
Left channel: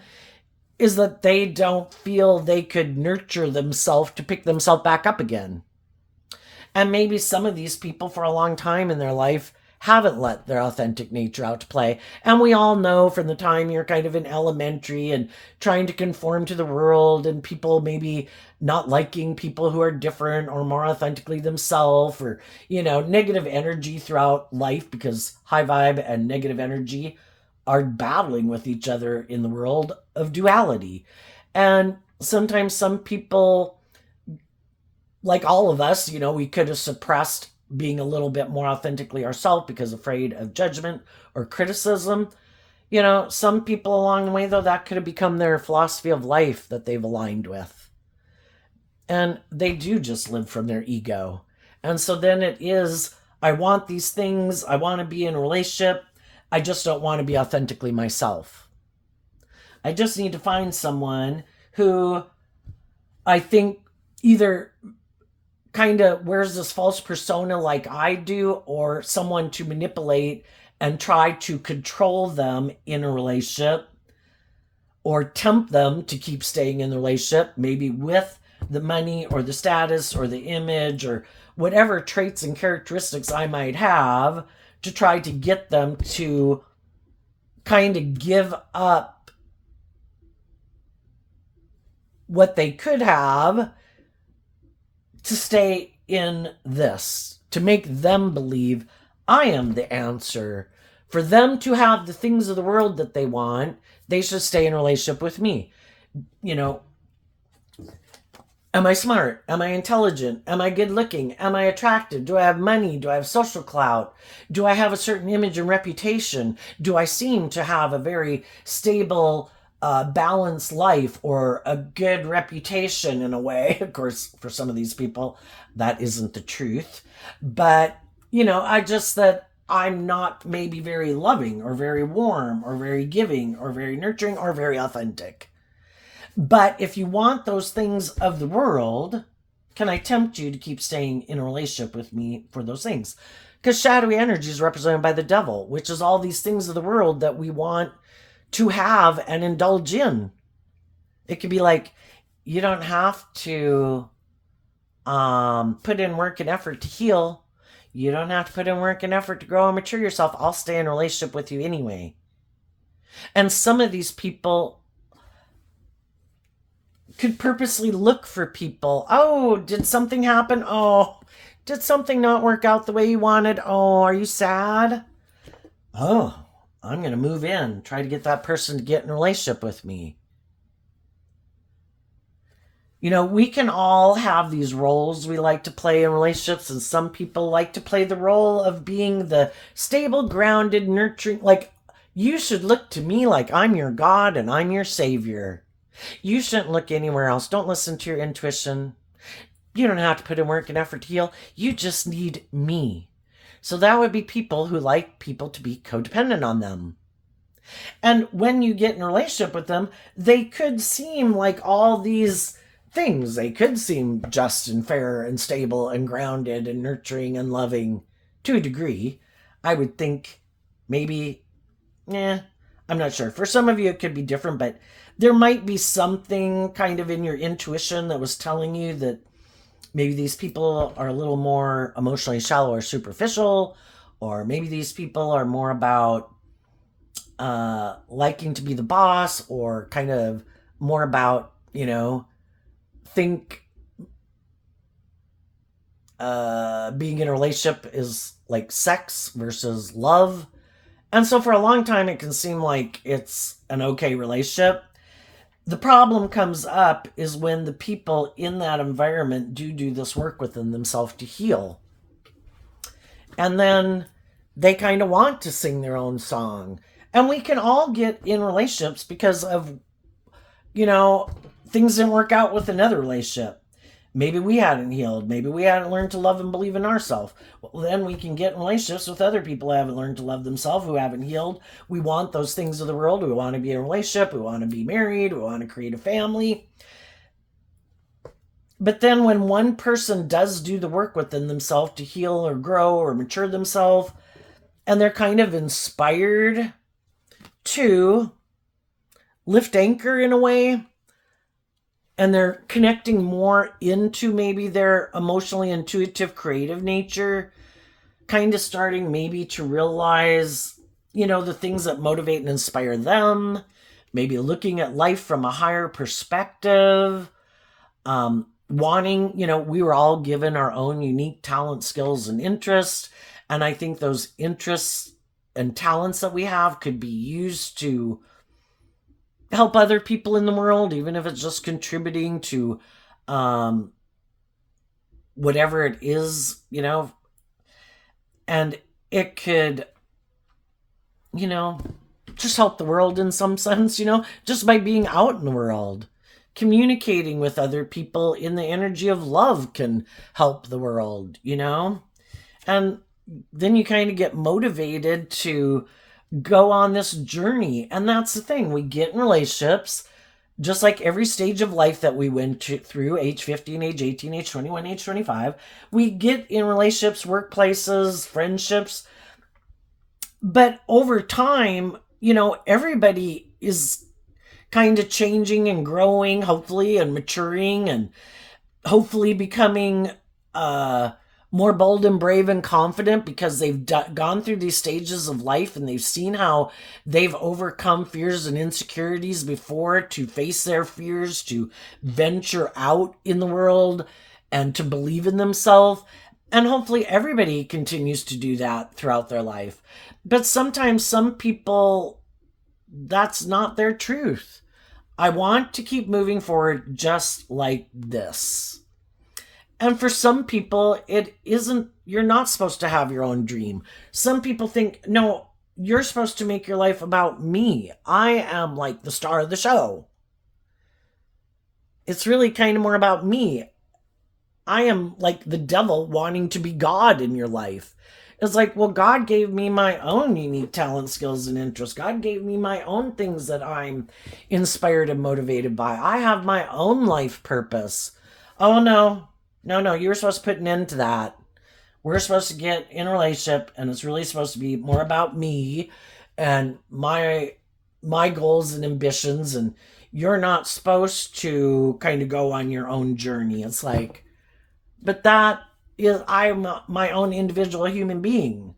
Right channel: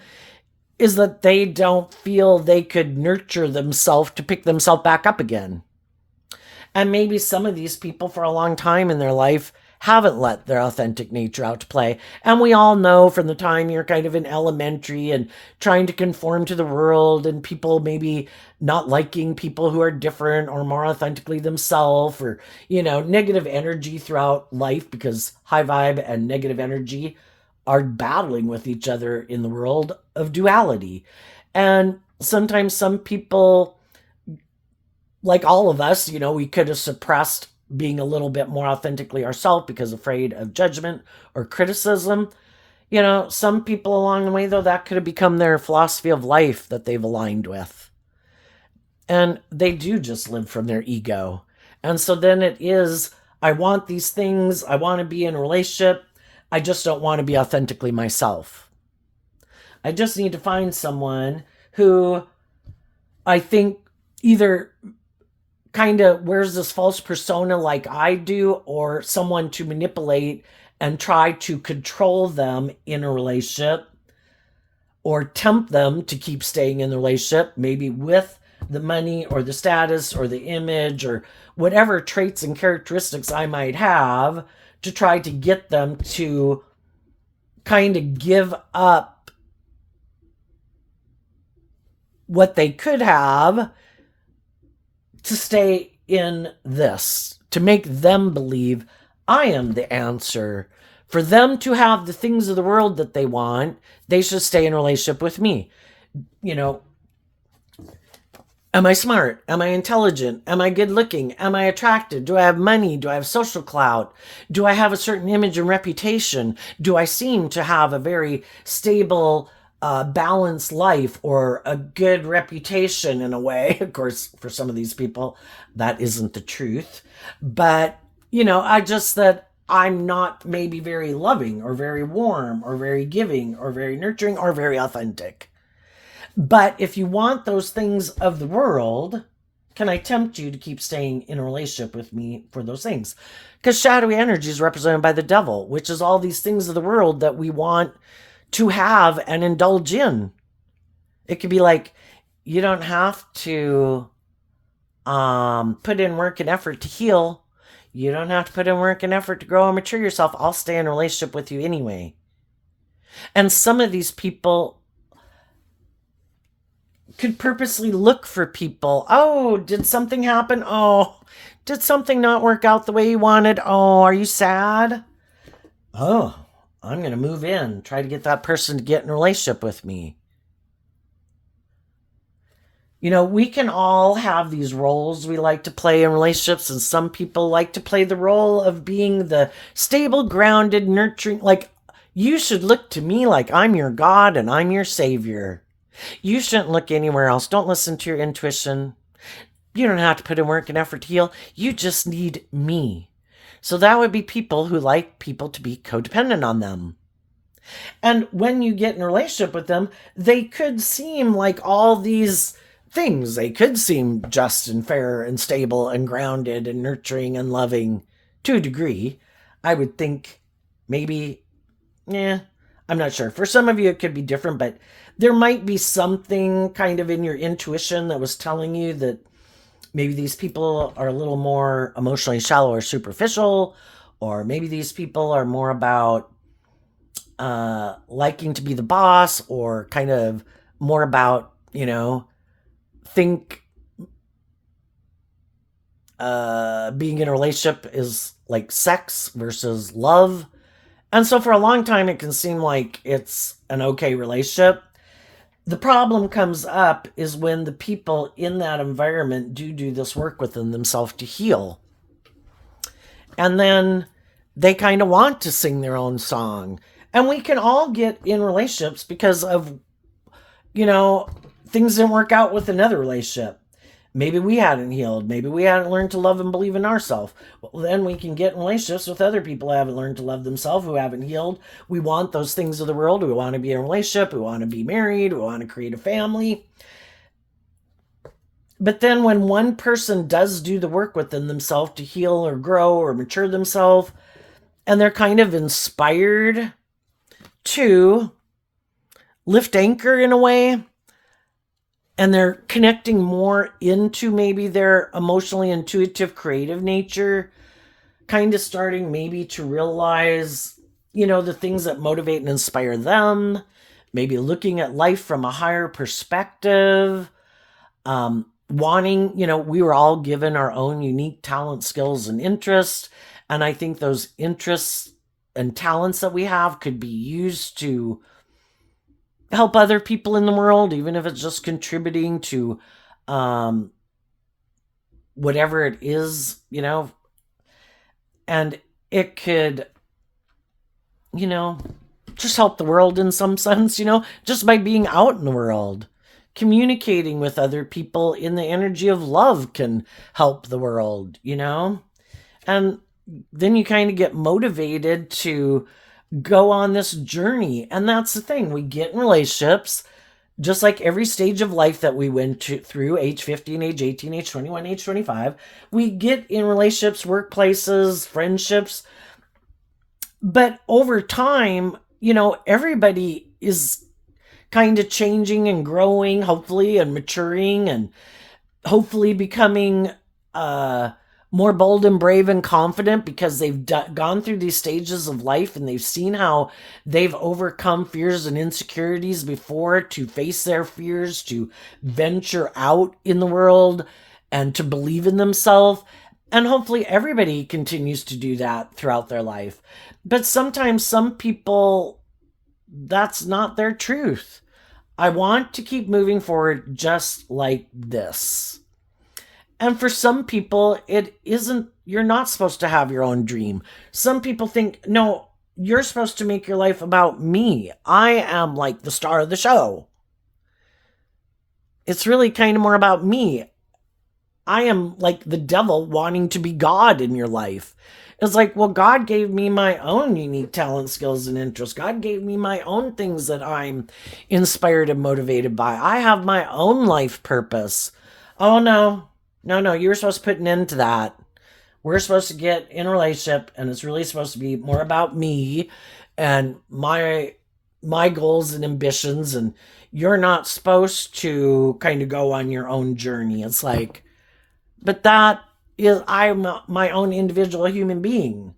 is that they don't feel they could nurture themselves to pick themselves back up again. And maybe some of these people for a long time in their life haven't let their authentic nature out to play. And we all know from the time you're kind of in elementary and trying to conform to the world and people maybe not liking people who are different or more authentically themselves, or, negative energy throughout life, because high vibe and negative energy are battling with each other in the world of duality. And sometimes some people, like all of us, we could have suppressed being a little bit more authentically ourselves because afraid of judgment or criticism. Some people along the way, though, that could have become their philosophy of life that they've aligned with. And they do just live from their ego. And so then it is, I want these things. I want to be in a relationship. I just don't want to be authentically myself. I just need to find someone who I think either kind of wears this false persona like I do, or someone to manipulate and try to control them in a relationship or tempt them to keep staying in the relationship, maybe with the money or the status or the image or whatever traits and characteristics I might have, to try to get them to kind of give up what they could have to stay in this, to make them believe I am the answer. For them to have the things of the world that they want, they should stay in a relationship with me. You know, am I smart? Am I intelligent? Am I good looking? Am I attractive? Do I have money? Do I have social clout? Do I have a certain image and reputation? Do I seem to have a very stable, balanced life or a good reputation in a way? Of course, for some of these people, that isn't the truth. But, I just that I'm not maybe very loving or very warm or very giving or very nurturing or very authentic. But if you want those things of the world, can I tempt you to keep staying in a relationship with me for those things? Because shadowy energy is represented by the devil, which is all these things of the world that we want to have and indulge in. It could be like, you don't have to put in work and effort to heal. You don't have to put in work and effort to grow and mature yourself. I'll stay in a relationship with you anyway. And some of these people could purposely look for people. Oh, did something happen? Oh, did something not work out the way you wanted? Oh, are you sad? Oh, I'm going to move in, try to get that person to get in a relationship with me. We can all have these roles we like to play in relationships, and some people like to play the role of being the stable, grounded, nurturing. Like, you should look to me like I'm your God and I'm your savior. You shouldn't look anywhere else. Don't listen to your intuition. You don't have to put in work and effort to heal. You just need me. So that would be people who like people to be codependent on them. And when you get in a relationship with them, they could seem like all these things. They could seem just and fair and stable and grounded and nurturing and loving to a degree. I would think maybe, I'm not sure. For some of you, it could be different, but there might be something kind of in your intuition that was telling you that maybe these people are a little more emotionally shallow or superficial, or maybe these people are more about liking to be the boss, or kind of more about, think being in a relationship is like sex versus love. And so for a long time, it can seem like it's an okay relationship. The problem comes up is when the people in that environment do this work within themselves to heal. And then they kind of want to sing their own song. And we can all get in relationships because of, things didn't work out with another relationship. Maybe we hadn't healed. Maybe we hadn't learned to love and believe in ourselves. Well, then we can get in relationships with other people who haven't learned to love themselves, who haven't healed. We want those things of the world. We want to be in a relationship. We want to be married. We want to create a family. But then when one person does do the work within themselves to heal or grow or mature themselves, and they're kind of inspired to lift anchor in a way, and they're connecting more into maybe their emotionally intuitive, creative nature, kind of starting maybe to realize, the things that motivate and inspire them, maybe looking at life from a higher perspective, wanting, we were all given our own unique talent, skills, and interests. And I think those interests and talents that we have could be used to help other people in the world, even if it's just contributing to whatever it is, and it could, just help the world in some sense, just by being out in the world. Communicating with other people in the energy of love can help the world, and then you kind of get motivated to go on this journey. And that's the thing. We get in relationships Just like every stage of life that we went through, age 15, age 18, age 21, age 25, we get in relationships, workplaces, friendships. But over time, everybody is kind of changing and growing, hopefully, and maturing, and hopefully becoming uh, more bold and brave and confident because they've gone through these stages of life and they've seen how they've overcome fears and insecurities before to face their fears, to venture out in the world and to believe in themselves. And hopefully everybody continues to do that throughout their life. But sometimes some people, that's not their truth. I want to keep moving forward just like this. And for some people, it isn't, you're not supposed to have your own dream. Some people think, no, you're supposed to make your life about me. I am like the star of the show. It's really kind of more about me. I am like the devil wanting to be God in your life. It's like, well, God gave me my own unique talent, skills, and interests. God gave me my own things that I'm inspired and motivated by. I have my own life purpose. Oh, no. No, you were supposed to put an end to that. We're supposed to get in a relationship, and it's really supposed to be more about me and my goals and ambitions, and you're not supposed to kind of go on your own journey. It's like, but that is, I'm my own individual human being.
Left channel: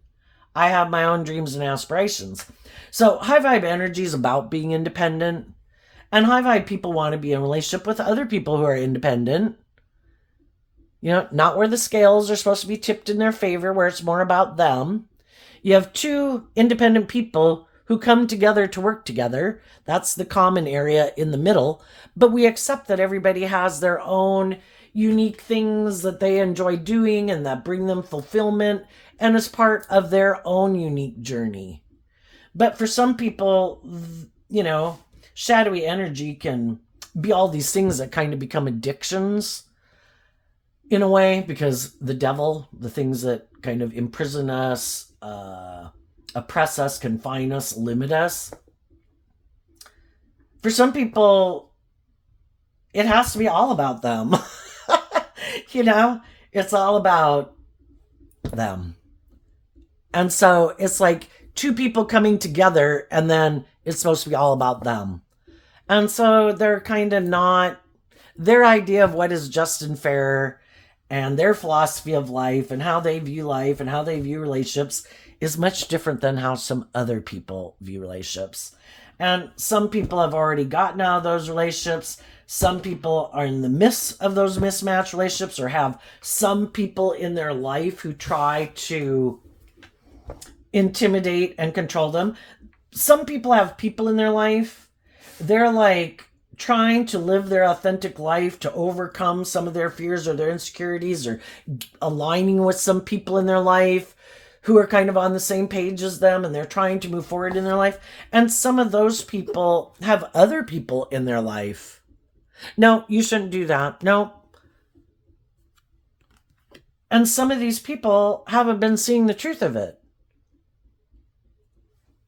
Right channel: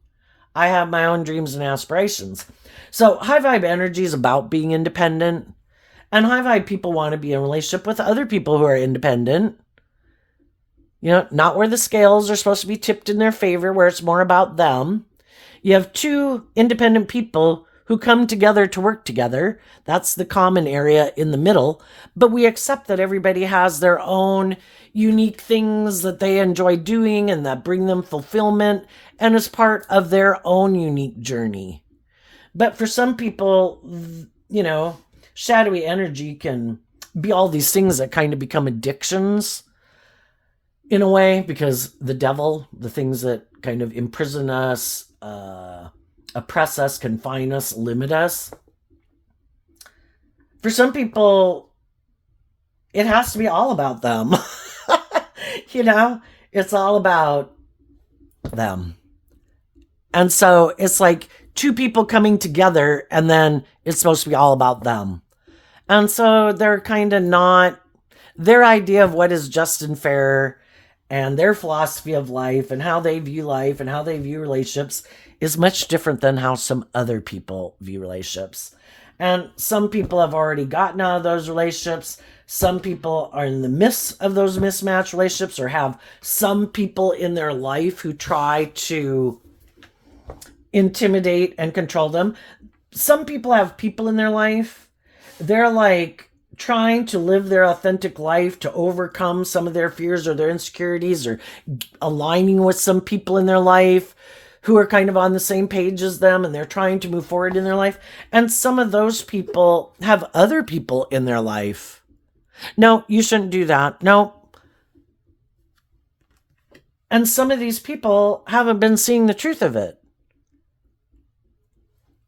I have my own dreams and aspirations. So high vibe energy is about being independent, and high vibe people want to be in a relationship with other people who are independent. Not where the scales are supposed to be tipped in their favor, where it's more about them. You have two independent people who come together to work together. That's the common area in the middle. But we accept that everybody has their own unique things that they enjoy doing and that bring them fulfillment and is part of their own unique journey. But for some people, shadowy energy can be all these things that kind of become addictions in a way, because the devil, the things that kind of imprison us, oppress us, confine us, limit us. For some people, it has to be all about them. It's all about them. And so it's like two people coming together and then it's supposed to be all about them. And so they're kind of not, their idea of what is just and fair and their philosophy of life and how they view life and how they view relationships is much different than how some other people view relationships. And some people have already gotten out of those relationships. Some people are in the midst of those mismatched relationships or have some people in their life who try to intimidate and control them. Some people have people in their life. They're like trying to live their authentic life to overcome some of their fears or their insecurities, or aligning with some people in their life who are kind of on the same page as them, and they're trying to move forward in their life. And some of those people have other people in their life. No, you shouldn't do that. No. And some of these people haven't been seeing the truth of it.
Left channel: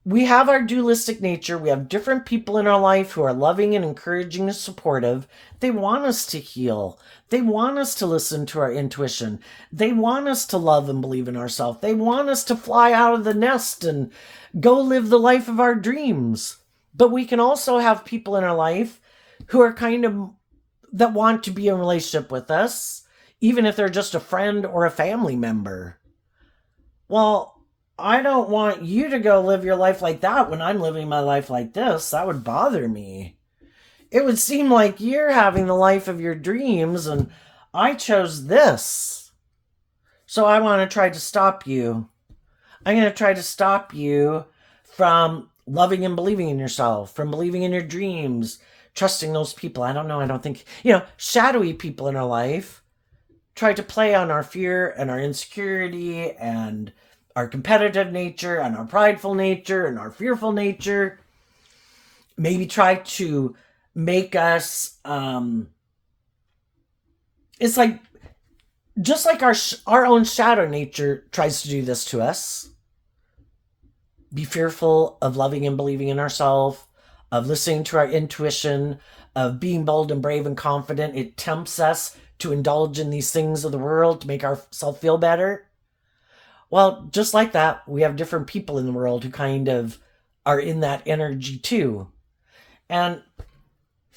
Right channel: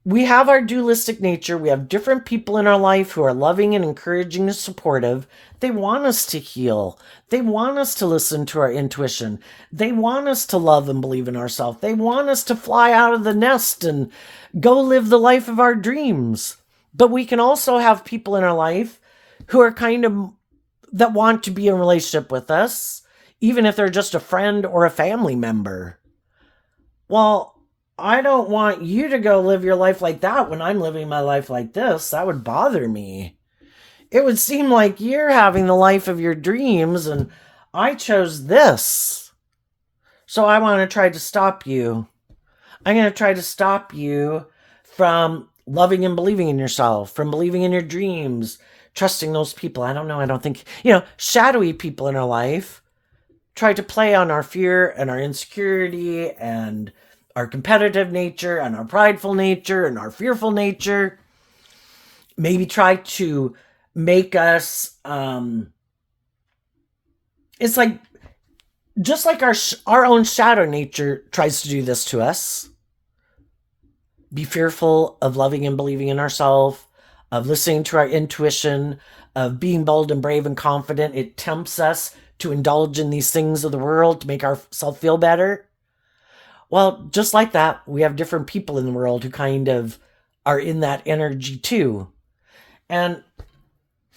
We have our dualistic nature. We have different people in our life who are loving and encouraging and supportive. They want us to heal. They want us to listen to our intuition. They want us to love and believe in ourselves. They want us to fly out of the nest and go live the life of our dreams. But we can also have people in our life who are kind of, that want to be in a relationship with us, even if they're just a friend or a family member. Well, I don't want you to go live your life like that when I'm living my life like this. That would bother me. It would seem like you're having the life of your dreams and I chose this. So I want to try to stop you. I'm going to try to stop you from loving and believing in yourself, from believing in your dreams, trusting those people. I don't know. I don't think, shadowy people in our life try to play on our fear and our insecurity and our competitive nature and our prideful nature and our fearful nature. Maybe try to make us, it's like, just like our own shadow nature tries to do this to us. Be fearful of loving and believing in ourselves, of listening to our intuition, of being bold and brave and confident. It tempts us to indulge in these things of the world to make ourselves feel better. Well, just like that, we have different people in the world who kind of are in that energy too. And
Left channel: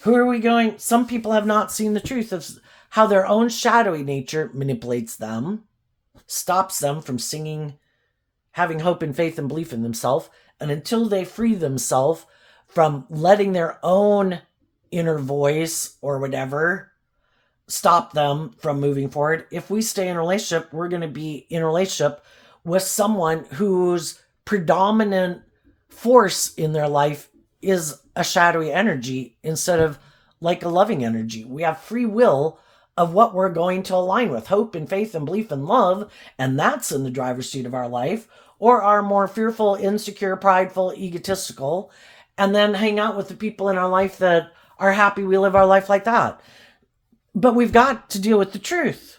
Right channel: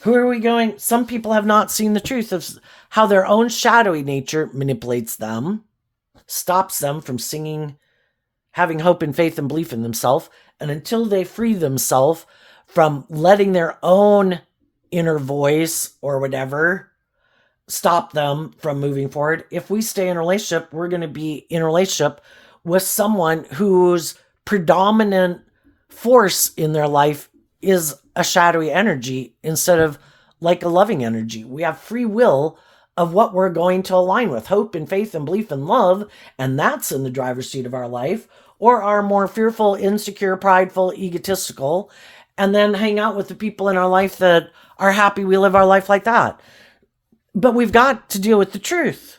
who are we going? Some people have not seen the truth of how their own shadowy nature manipulates them, stops them from singing, having hope and faith and belief in themselves. And until they free themselves from letting their own inner voice or whatever stop them from moving forward, if we stay in a relationship, we're going to be in a relationship with someone whose predominant force in their life is a shadowy energy instead of like a loving energy. We have free will of what we're going to align with, hope and faith and belief and love, and that's in the driver's seat of our life, or are more fearful, insecure, prideful, egotistical, and then hang out with the people in our life that are happy we live our life like that. But we've got to deal with the truth.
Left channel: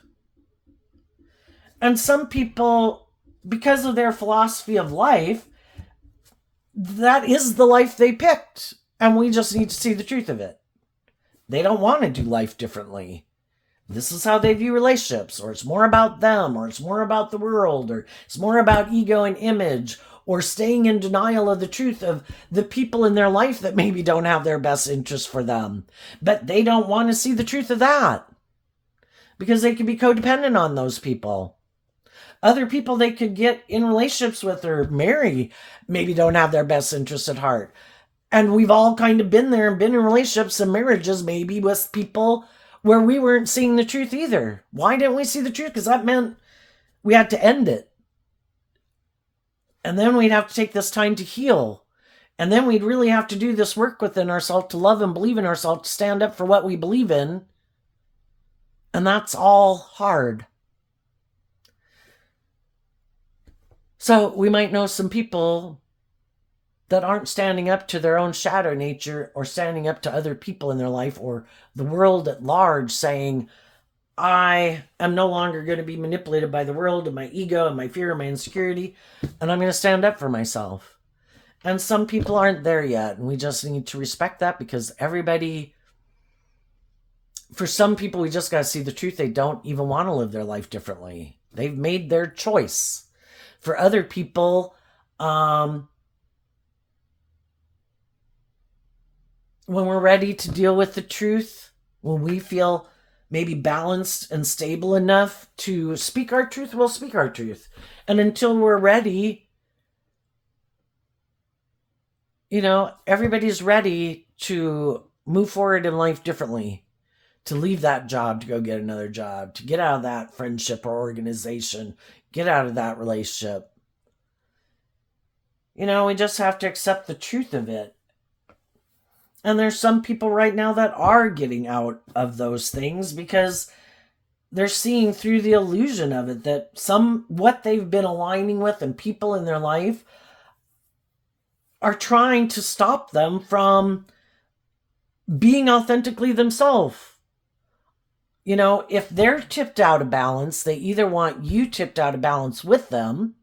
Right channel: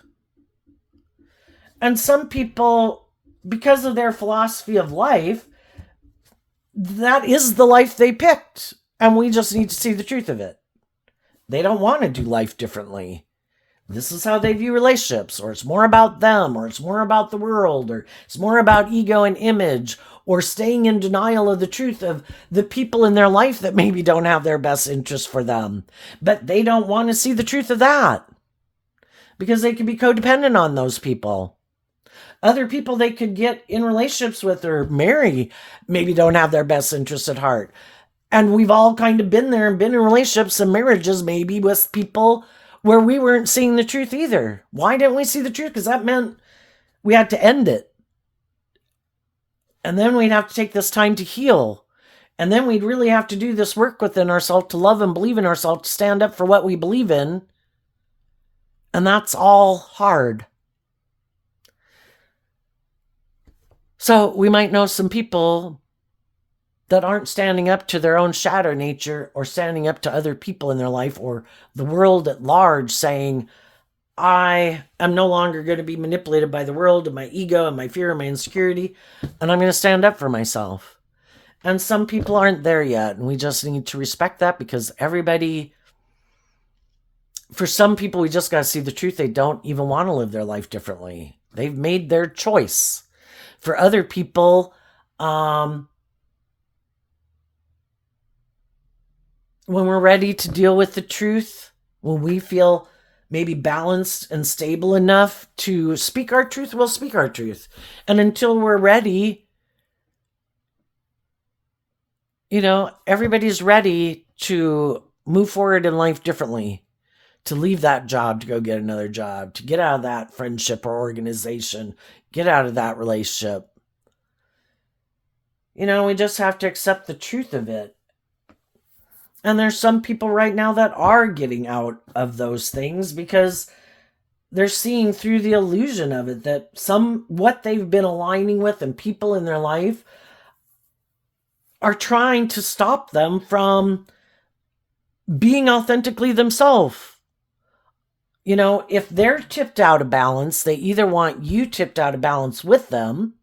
And some people, because of their philosophy of life, that is the life they picked. And we just need to see the truth of it. They don't want to do life differently. This is how they view relationships, or it's more about them, or it's more about the world, or it's more about ego and image, or staying in denial of the truth of the people in their life that maybe don't have their best interest for them. But they don't want to see the truth of that because they could be codependent on those people. Other people they could get in relationships with or marry maybe don't have their best interests at heart. And we've all kind of been there and been in relationships and marriages maybe with people where we weren't seeing the truth either. Why didn't we see the truth? Because that meant we had to end it. And then we'd have to take this time to heal. And then we'd really have to do this work within ourselves to love and believe in ourselves, to stand up for what we believe in. And that's all hard. So we might know some people that aren't standing up to their own shadow nature or standing up to other people in their life or the world at large, saying, I am no longer going to be manipulated by the world and my ego and my fear and my insecurity, and I'm going to stand up for myself. And some people aren't there yet, and we just need to respect that, because everybody, for some people, we just got to see the truth. They don't even want to live their life differently. They've made their choice. For other people, when we're ready to deal with the truth, when we feel maybe balanced and stable enough to speak our truth, we'll speak our truth. And until we're ready, everybody's ready to move forward in life differently, to leave that job, to go get another job, to get out of that friendship or organization, get out of that relationship. We just have to accept the truth of it. And there's some people right now that are getting out of those things because they're seeing through the illusion of it, that what they've been aligning with and people in their life are trying to stop them from being authentically themselves. If they're tipped out of balance, they either want you tipped out of balance with them,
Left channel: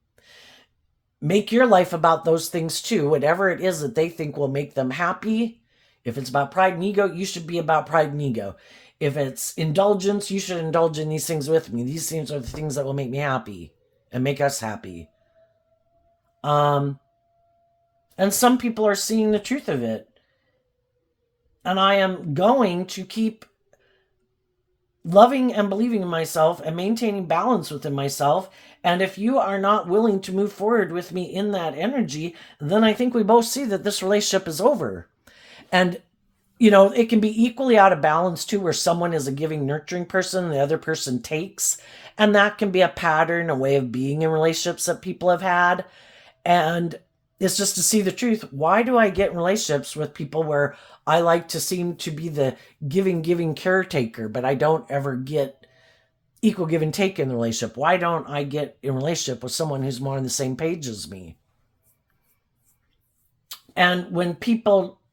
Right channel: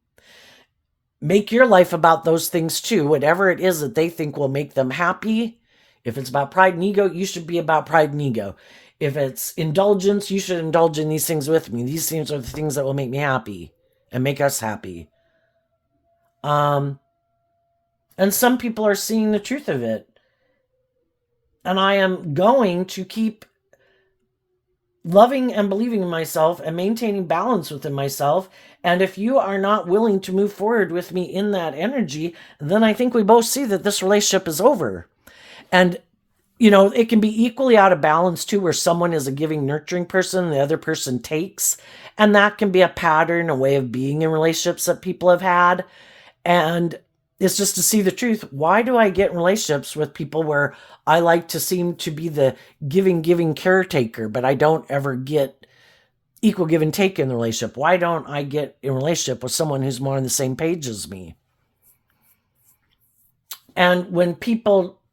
make your life about those things too, whatever it is that they think will make them happy. If it's about pride and ego, you should be about pride and ego. If it's indulgence, you should indulge in these things with me. These things are the things that will make me happy and make us happy. And some people are seeing the truth of it. And I am going to keep loving and believing in myself and maintaining balance within myself. And if you are not willing to move forward with me in that energy, then I think we both see that this relationship is over. And, it can be equally out of balance too, where someone is a giving, nurturing person and the other person takes. And that can be a pattern, a way of being in relationships that people have had. And it's just to see the truth. Why do I get in relationships with people where I like to seem to be the giving caretaker, but I don't ever get equal give and take in the relationship? Why don't I get in a relationship with someone who's more on the same page as me? And when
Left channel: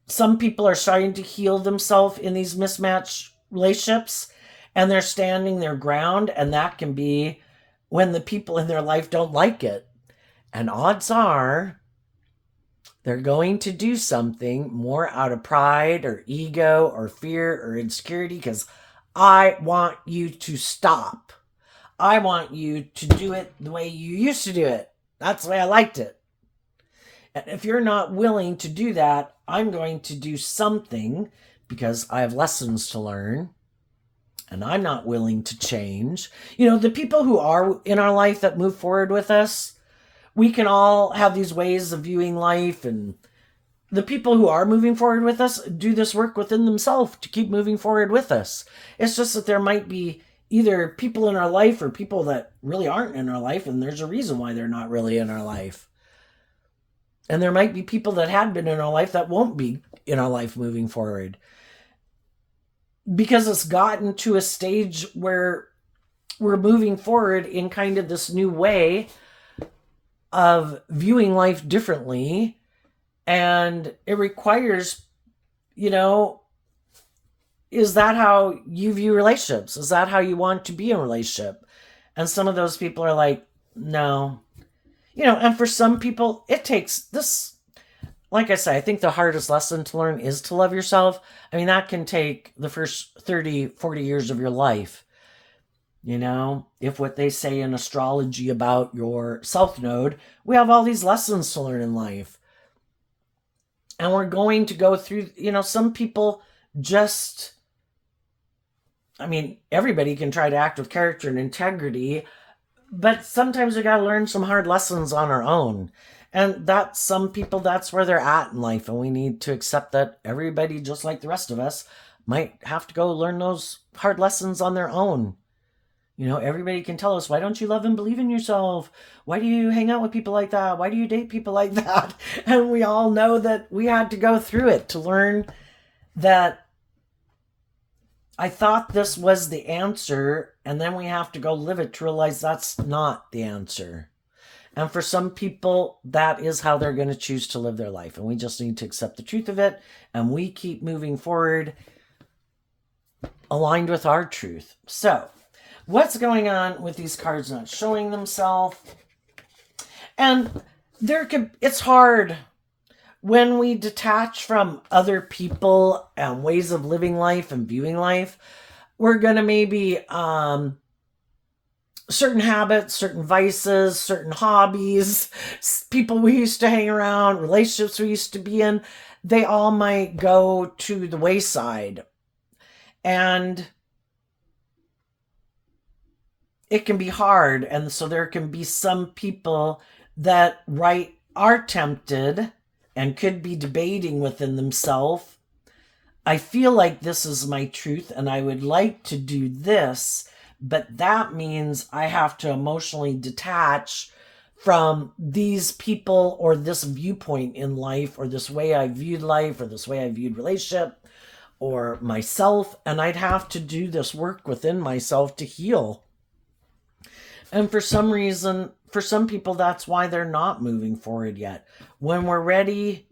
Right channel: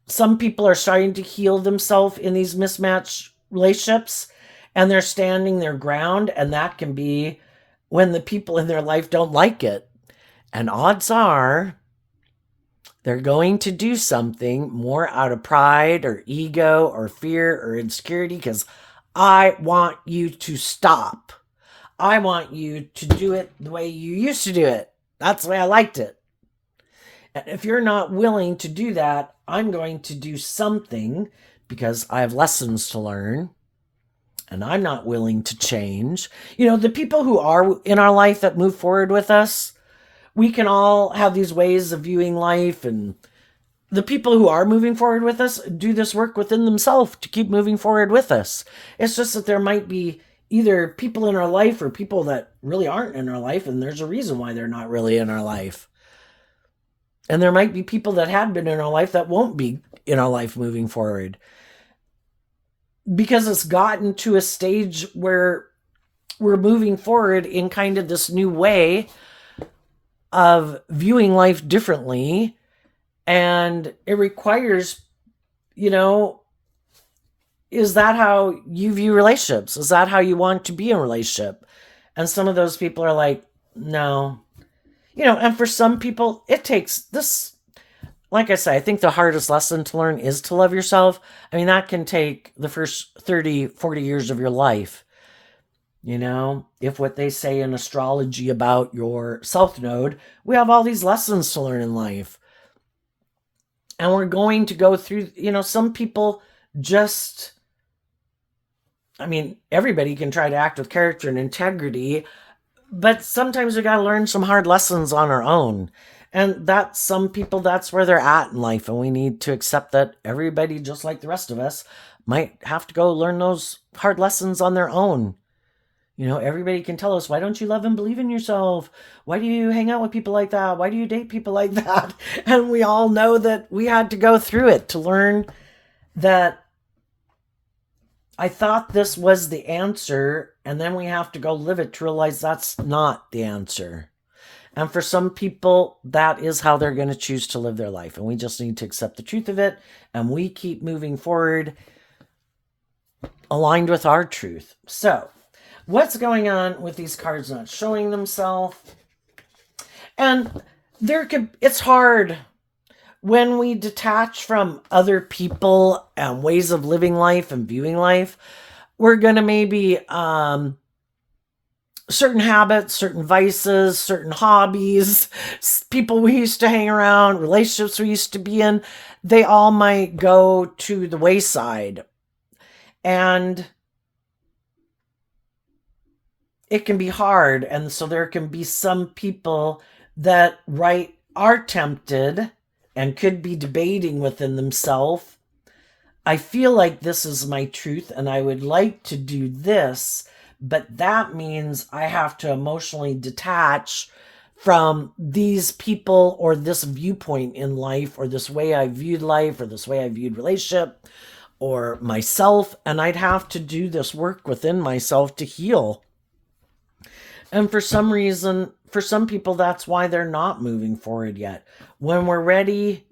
some people are starting to heal themselves in these mismatched relationships, and they're standing their ground, and that can be when the people in their life don't like it. And odds are They're going to do something more out of pride or ego or fear or insecurity because I want you to stop. I want you to do it the way you used to do it. That's the way I liked it. And if you're not willing to do that, I'm going to do something because I have lessons to learn and I'm not willing to change. You know, the people who are in our life that move forward with us, we can all have these ways of viewing life, and the people who are moving forward with us do this work within themselves to keep moving forward with us. It's just that there might be either people in our life or people that really aren't in our life, and there's a reason why they're not really in our life. And there might be people that have been in our life that won't be in our life moving forward because it's gotten to a stage where we're moving forward in kind of this new way of viewing life differently. And it requires, you know, is that how you view relationships? Is that how you want to be in a relationship? And some of those people are like, no. You know, and for some people, it takes this. Like I say, I think the hardest lesson to learn is to love yourself. I mean, that can take the first 30, 40 years of your life. You know, if what they say in astrology about your self node, we have all these lessons to learn in life. And we're going to go through, you know, some people just, I mean, everybody can try to act with character and integrity, but sometimes we got to learn some hard lessons on our own. And that some people, that's where they're at in life. And we need to accept that everybody, just like the rest of us, might have to go learn those hard lessons on their own. You know, everybody can tell us, why don't you love and believe in yourself? Why do you hang out with people like that? Why do you date people like that? And we all know that we had to go through it to learn that I thought this was the answer, and then we have to go live it to realize that's not the answer. And for some people, that is how they're going to choose to live their life. And we just need to accept the truth of it. And we keep moving forward aligned with our truth. So, what's going on with these cards not showing themselves? And it's hard when we detach from other people and ways of living life and viewing life. We're going to maybe certain habits, certain vices, certain hobbies, people we used to hang around, relationships we used to be in, they all might go to the wayside. And it can be hard. And so there can be some people that are tempted and could be debating within themselves, I feel like this is my truth and I would like to do this, but that means I have to emotionally detach from these people or this viewpoint in life or this way I viewed life or this way I viewed relationship or myself, and I'd have to do this work within myself to heal. And for some reason, for some people, that's why they're not moving forward yet. When we're ready,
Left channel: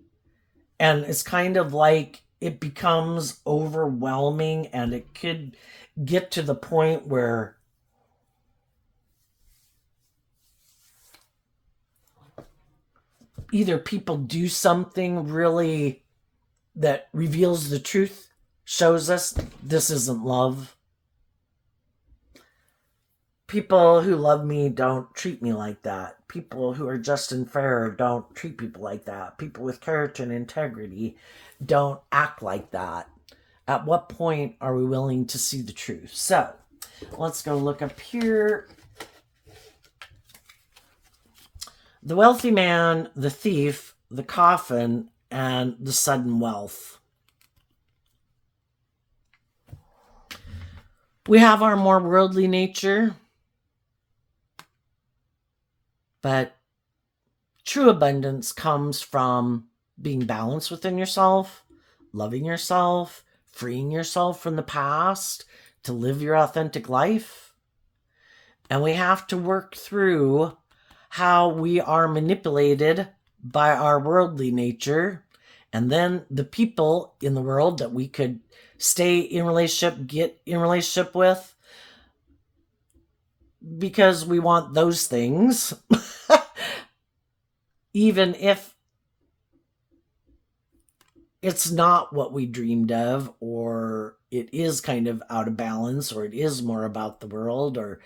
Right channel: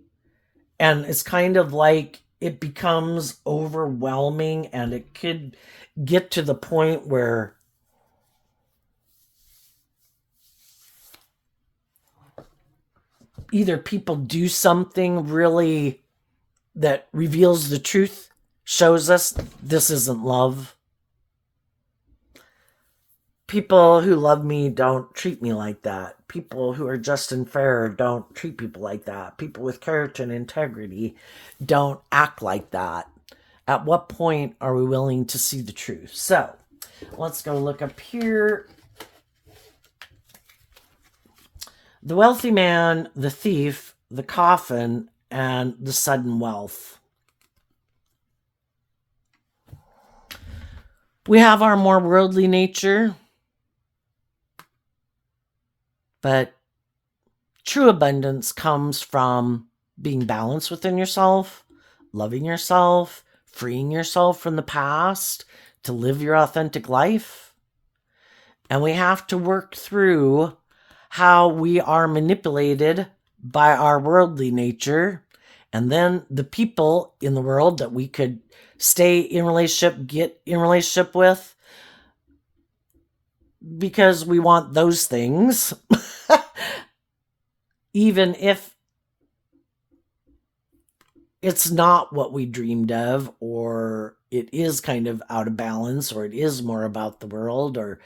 and it's kind of like it becomes overwhelming, and it could get to the point where either people do something really that reveals the truth, shows us this isn't love. People who love me don't treat me like that. People who are just and fair don't treat people like that. People with character and integrity don't act like that. At what point are we willing to see the truth? So let's go look up here. The wealthy man, the thief, the coffin, and the sudden wealth. We have our more worldly nature, but true abundance comes from being balanced within yourself, loving yourself, freeing yourself from the past to live your authentic life. And we have to work through how we are manipulated by our worldly nature, and then the people in the world that we could stay in relationship, get in relationship with, because we want those things, even if it's not what we dreamed of, or it is kind of out of balance, or it is more about the world, or,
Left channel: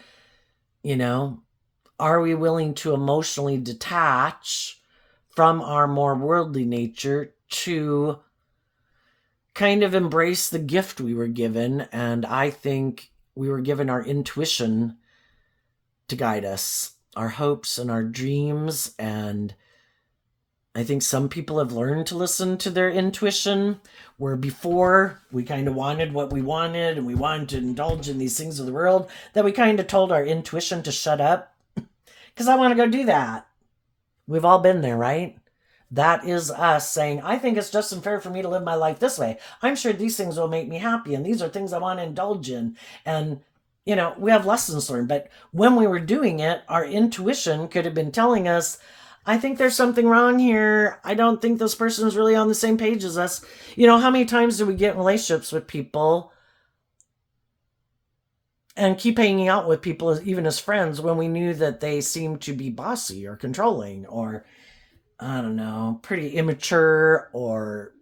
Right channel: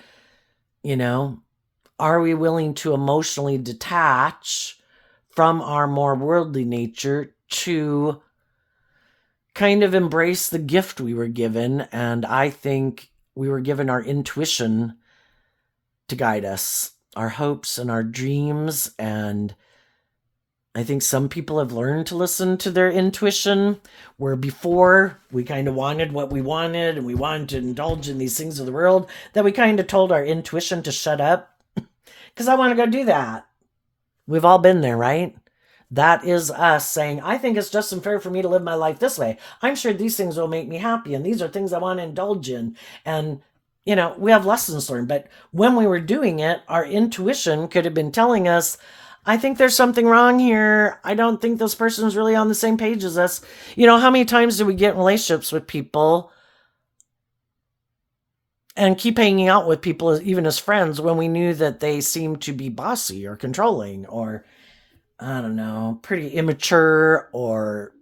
you know, are we willing to emotionally detach from our more worldly nature to kind of embrace the gift we were given? And I think we were given our intuition to guide us, our hopes and our dreams. And I think some people have learned to listen to their intuition, where before we kind of wanted what we wanted and we wanted to indulge in these things of the world, that we kind of told our intuition to shut up because I want to go do that. We've all been there, right? That is us saying, I think it's just and fair for me to live my life this way. I'm sure these things will make me happy, and these are things I want to indulge in. And, we have lessons learned. But when we were doing it, our intuition could have been telling us, I think there's something wrong here. I don't think this person's really on the same page as us. How many times do we get in relationships with people and keep hanging out with people, even as friends, when we knew that they seemed to be bossy or controlling, or I don't know, pretty immature, or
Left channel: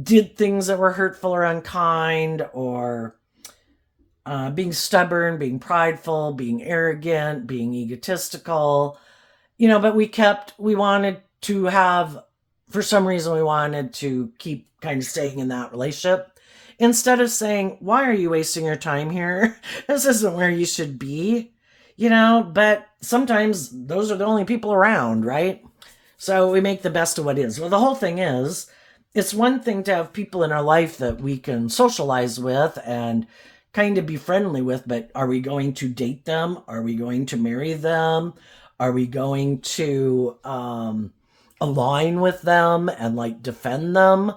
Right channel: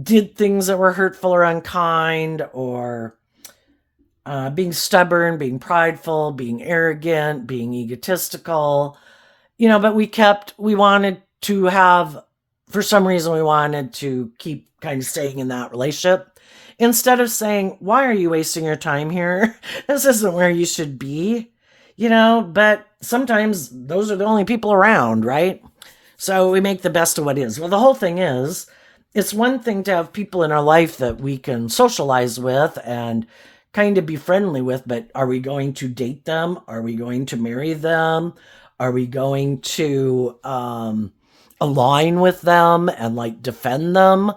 did things that were hurtful or unkind, or being stubborn, being prideful, being arrogant, being egotistical, but we wanted to have, for some reason, we wanted to keep kind of staying in that relationship. Instead of saying, why are you wasting your time here? This isn't where you should be, but sometimes those are the only people around, right? So we make the best of what is. Well, the whole thing is, it's one thing to have people in our life that we can socialize with and kind of be friendly with, but are we going to date them? Are we going to marry them? Are we going to align with them and like defend them?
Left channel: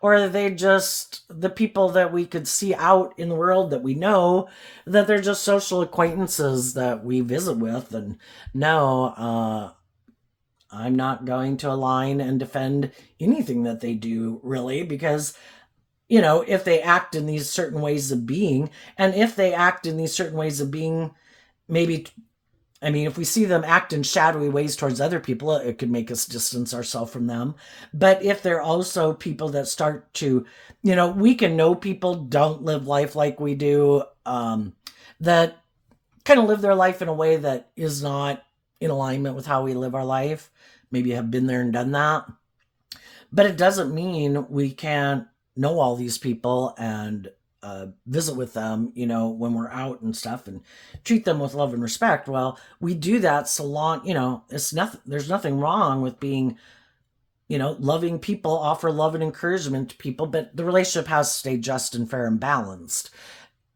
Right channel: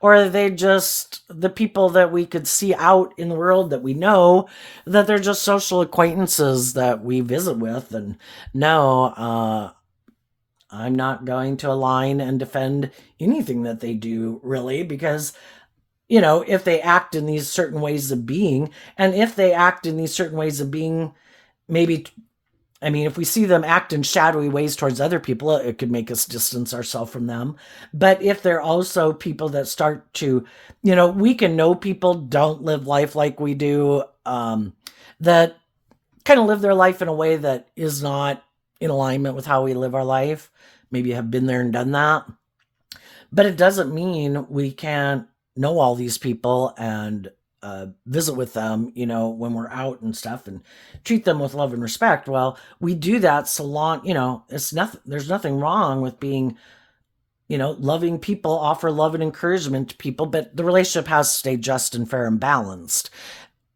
Or are they just the people that we could see out in the world that we know that they're just social acquaintances that we visit with? And no, I'm not going to align and defend anything that they do, really, because, if they act in these certain ways of being, and if they act in these certain ways of being, maybe, if we see them act in shadowy ways towards other people, it could make us distance ourselves from them. But if they're also people that start to, we can know people don't live life like we do, that kind of live their life in a way that is not in alignment with how we live our life. Maybe have been there and done that. But it doesn't mean we can't know all these people and visit with them, when we're out and stuff, and treat them with love and respect. Well, we do that so long, it's nothing, there's nothing wrong with being, loving people, offer love and encouragement to people, but the relationship has to stay just and fair and balanced.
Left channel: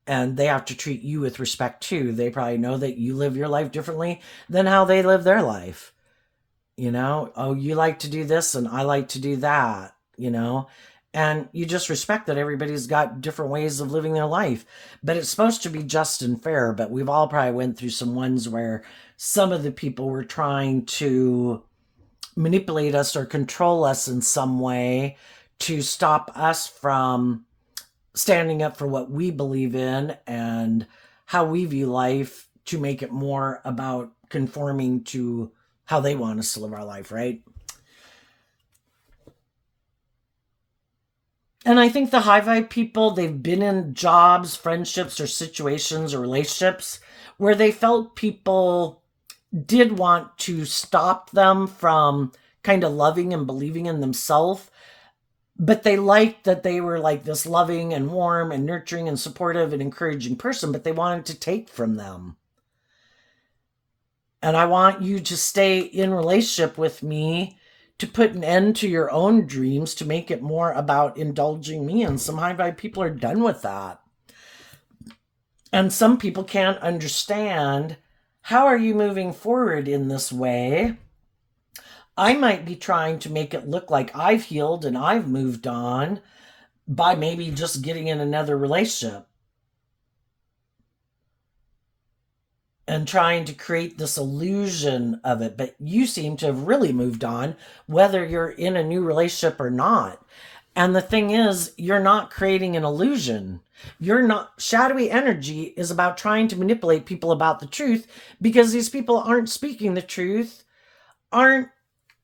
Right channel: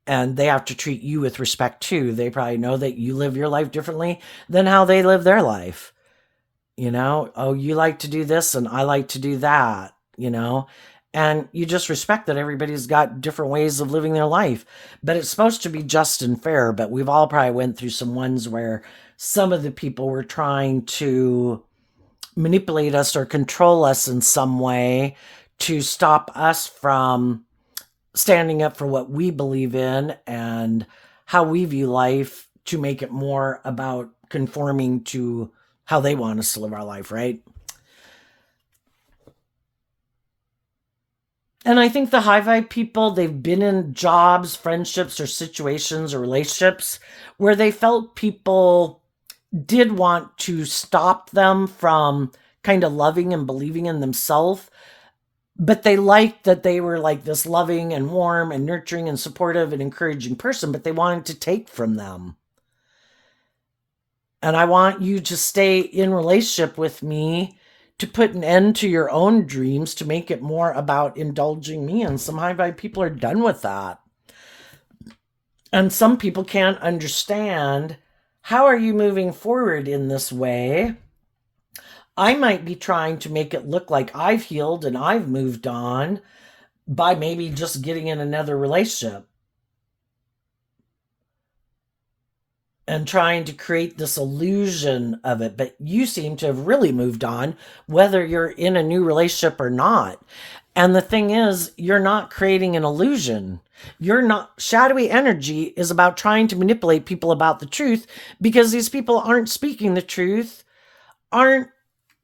And they have to treat you with respect too. They probably know that you live your life differently than how they live their life. Oh, you like to do this and I like to do that, and you just respect that everybody's got different ways of living their life. But it's supposed to be just and fair. But we've all probably went through some ones where some of the people were trying to manipulate us or control us in some way to stop us from standing up for what we believe in and how we view life, to make it more about conforming to how they want us to live our life, right? And I think the high vibe people, they've been in jobs, friendships, or situations or relationships where they felt people did want to stop them from kind of loving and believing in themselves. But they liked that they were like this loving and warm and nurturing and supportive and encouraging person, but they wanted to take from them. And I want you to stay in relationship with me to put an end to your own dreams, to make it more about indulging me. And some high vibe people are done with that. And some people can't understand, how are you moving forward in this way? I might be trying to make it look like I've healed and I've moved on by maybe just getting in another relationship and trying to create this illusion of it. But you seem to have really moved on, whether you're in a new relationship or not. And the thing is, you're not creating an illusion. You're not, shadowy energy is about trying to manipulate people about the truth, because these people aren't speaking the truth, aren't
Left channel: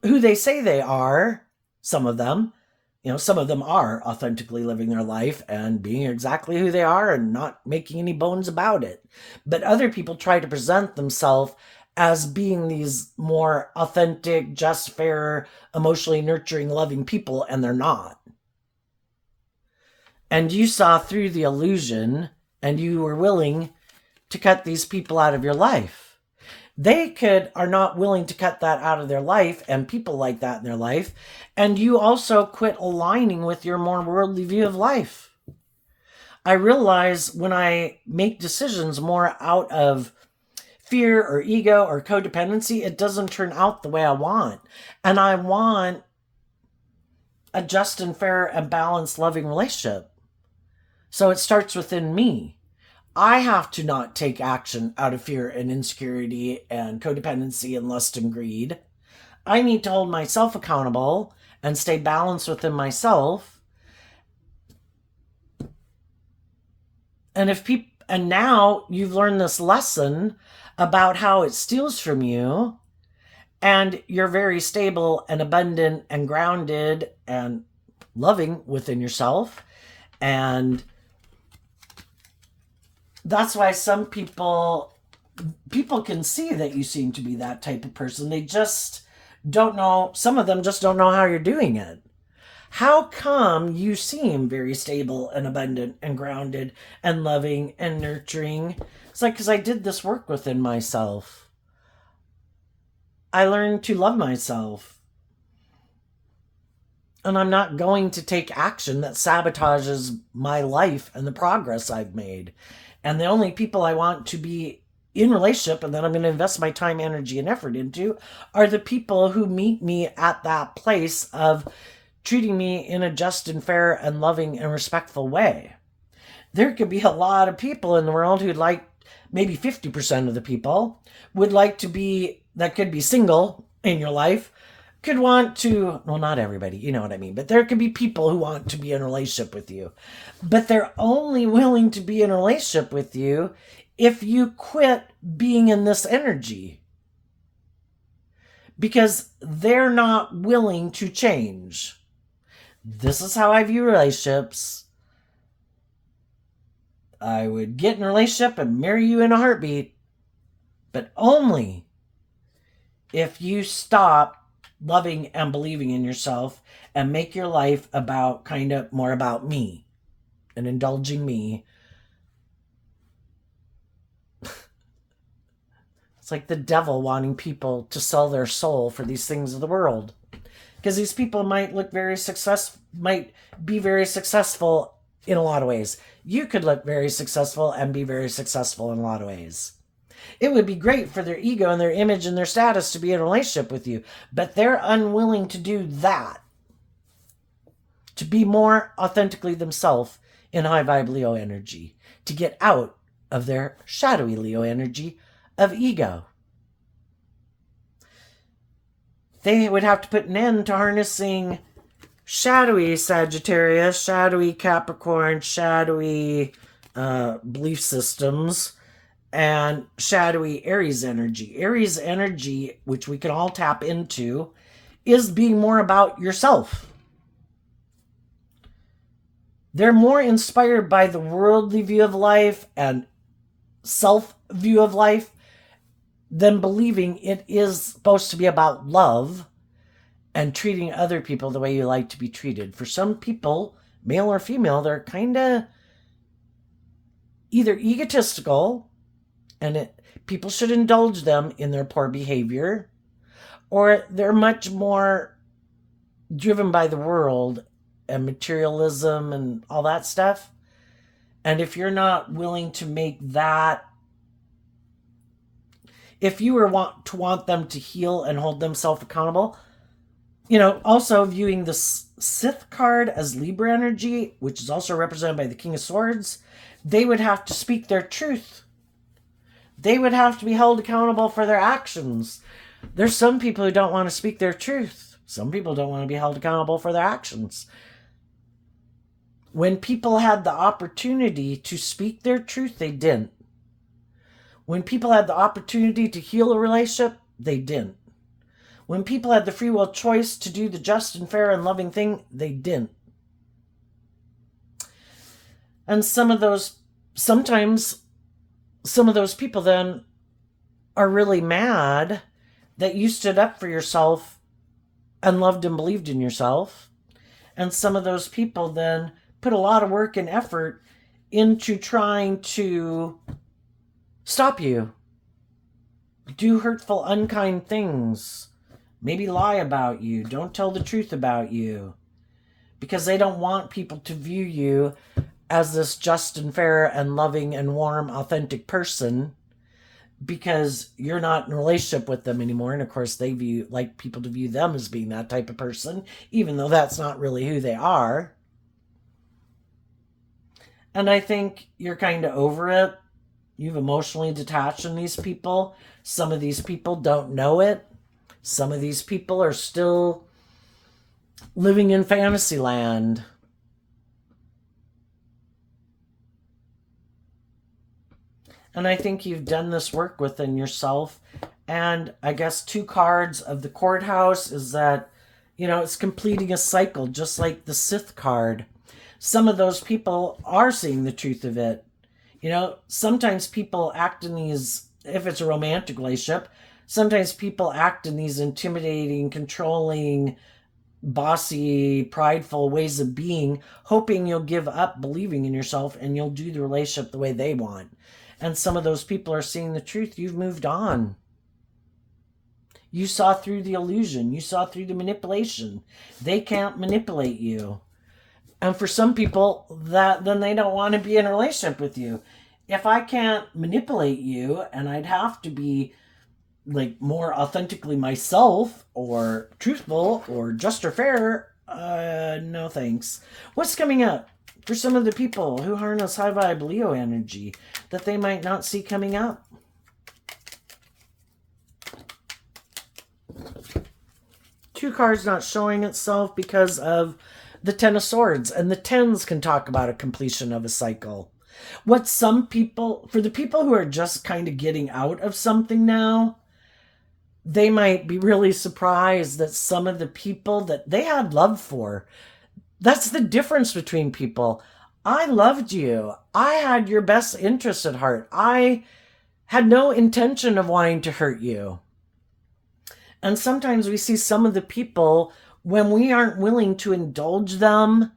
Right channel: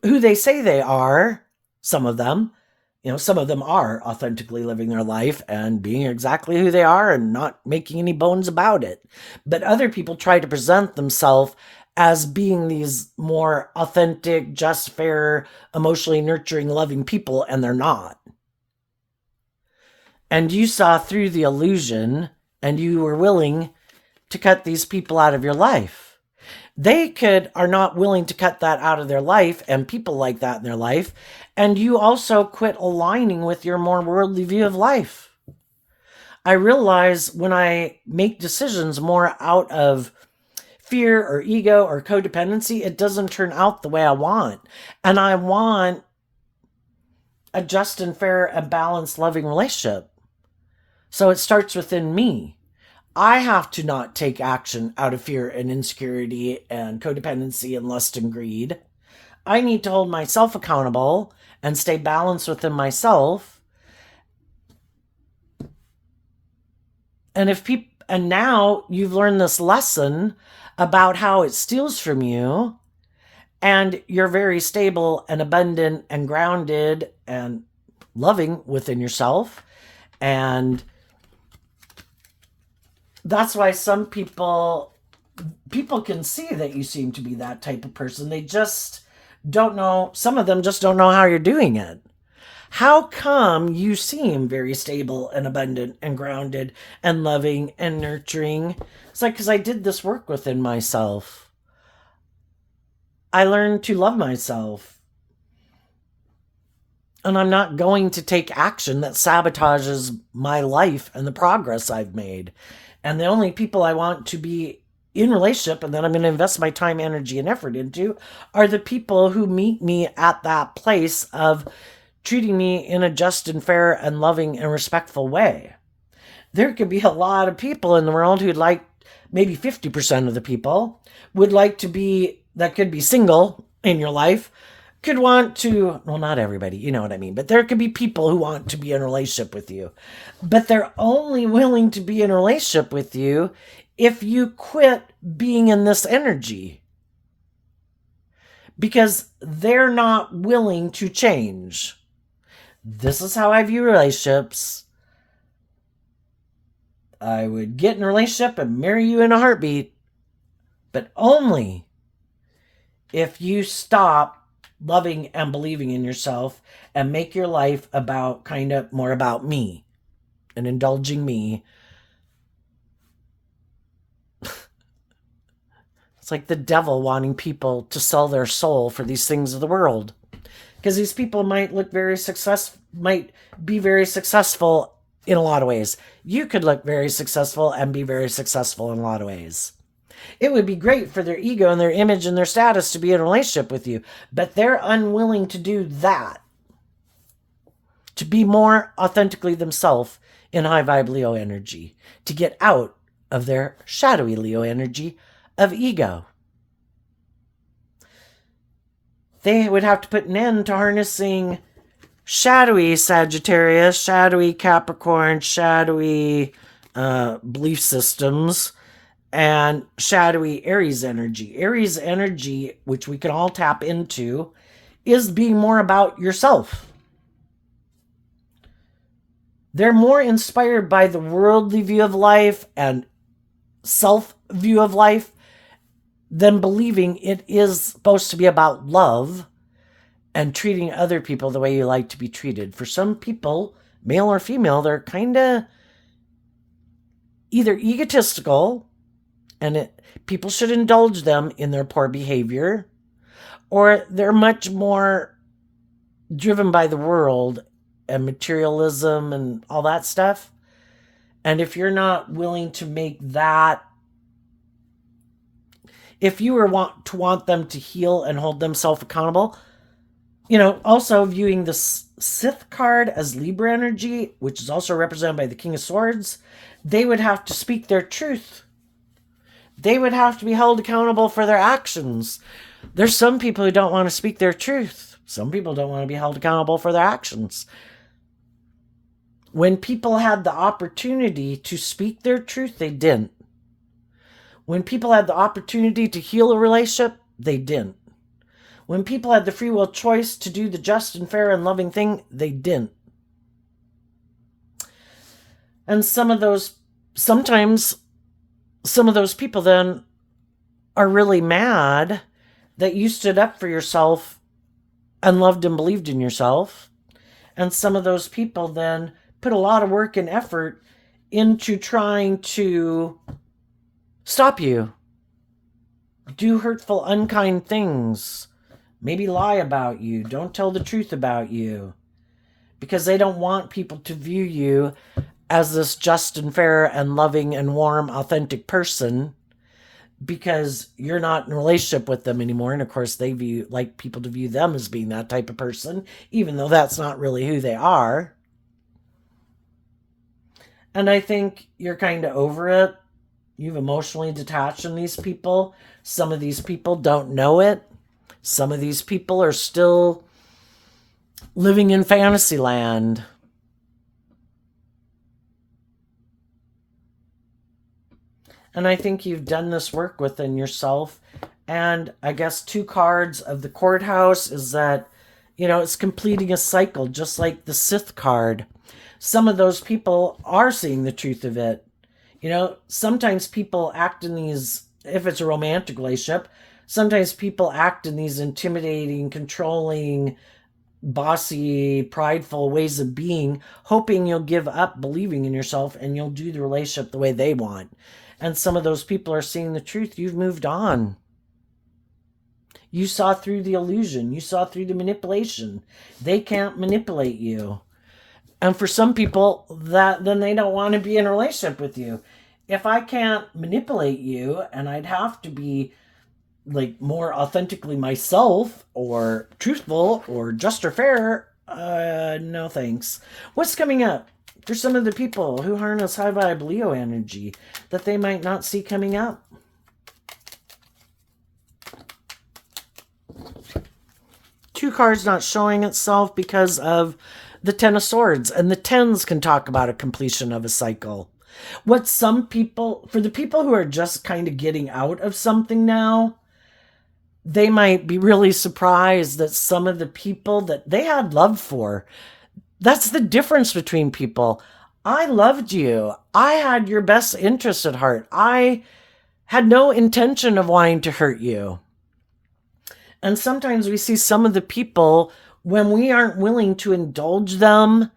who they say they are. Some of them, some of them are authentically living their life and being exactly who they are and not making any bones about it. But other people try to present themselves as being these more authentic, just, fair, emotionally nurturing, loving people, and they're not. And you saw through the illusion and you were willing to cut these people out of your life. They are not willing to cut that out of their life and people like that in their life. And you also quit aligning with your more worldly view of life. I realize when I make decisions more out of fear or ego or codependency, it doesn't turn out the way I want. And I want a just and fair and balanced, loving relationship. So it starts within me. I have to not take action out of fear and insecurity and codependency and lust and greed. I need to hold myself accountable and stay balanced within myself. And now you've learned this lesson about how it steals from you, and you're very stable and abundant and grounded and loving within yourself. And that's why some people can see that you seem to be that type of person. They just don't know. Some of them just don't know how you're doing it. How come you seem very stable and abundant and grounded and loving and nurturing? It's like, because I did this work within myself. I learned to love myself. And I'm not going to take action that sabotages my life and the progress I've made. And the only people I want to be in relationship and that I'm going to invest my time, energy, and effort into are the people who meet me at that place of treating me in a just and fair and loving and respectful way. There could be a lot of people in the world who'd like, maybe 50% of the people would like to be, that could be single in your life, could want to, well, not everybody, you know what I mean, but there could be people who want to be in a relationship with you, but they're only willing to be in a relationship with you if you quit being in this energy, because they're not willing to change. This is how I view relationships. I would get in a relationship and marry you in a heartbeat, but only if you stop loving and believing in yourself and make your life about kind of more about me and indulging me. It's like the devil wanting people to sell their soul for these things of the world, because these people might be very successful in a lot of ways. You could look very successful and be very successful in a lot of ways. It would be great for their ego and their image and their status to be in a relationship with you, but they're unwilling to do that, to be more authentically themselves in high vibe Leo energy, to get out of their shadowy Leo energy of ego. They would have to put an end to harnessing shadowy Sagittarius, shadowy Capricorn, shadowy belief systems, and shadowy Aries energy. Aries energy, which we can all tap into, is being more about yourself. They're more inspired by the worldly view of life and self view of life than believing it is supposed to be about love and treating other people the way you like to be treated. For some people, male or female, they're kind of either egotistical, and people should indulge them in their poor behavior, or they're much more driven by the world and materialism and all that stuff. And if you're not willing to make that, if you want them to heal and hold themselves accountable, also viewing the Sith card as Libra energy, which is also represented by the King of Swords, they would have to speak their truth. They would have to be held accountable for their actions. There's some people who don't want to speak their truth. Some people don't want to be held accountable for their actions. When people had the opportunity to speak their truth, they didn't. When people had the opportunity to heal a relationship, they didn't. When people had the free will choice to do the just and fair and loving thing, they didn't. And sometimes some of those people then are really mad that you stood up for yourself and loved and believed in yourself. And some of those people then put a lot of work and effort into trying to stop you, do hurtful, unkind things, maybe lie about you, don't tell the truth about you, because they don't want people to view you as this just and fair and loving and warm, authentic person, because you're not in a relationship with them anymore. And of course, they like people to view them as being that type of person, even though that's not really who they are. And I think you're kind of over it. You've emotionally detached from these people. Some of these people don't know it. Some of these people are still living in fantasy land. And I think you've done this work within yourself. And I guess 2 cards of the courthouse is that, it's completing a cycle, just like the Sith card. Some of those people are seeing the truth of it. Sometimes people act in these, if it's a romantic relationship, sometimes people act in these intimidating, controlling, bossy, prideful ways of being, hoping you'll give up believing in yourself and you'll do the relationship the way they want. And some of those people are seeing the truth. You've moved on. You saw through the illusion. You saw through the manipulation. They can't manipulate you. And for some people, then they don't want to be in a relationship with you. If I can't manipulate you, and I'd have to be like more authentically myself, or truthful, or just or fair, no thanks. What's coming up for some of the people who harness high vibe Leo energy that they might not see coming up? Two cards not showing itself because of the Ten of Swords, and the tens can talk about a completion of a cycle. What some people, for the people who are just kind of getting out of something now, they might be really surprised that some of the people that they had love for, that's the difference between people. I loved you. I had your best interest at heart. I had no intention of wanting to hurt you. And sometimes we see some of the people, when we aren't willing to indulge them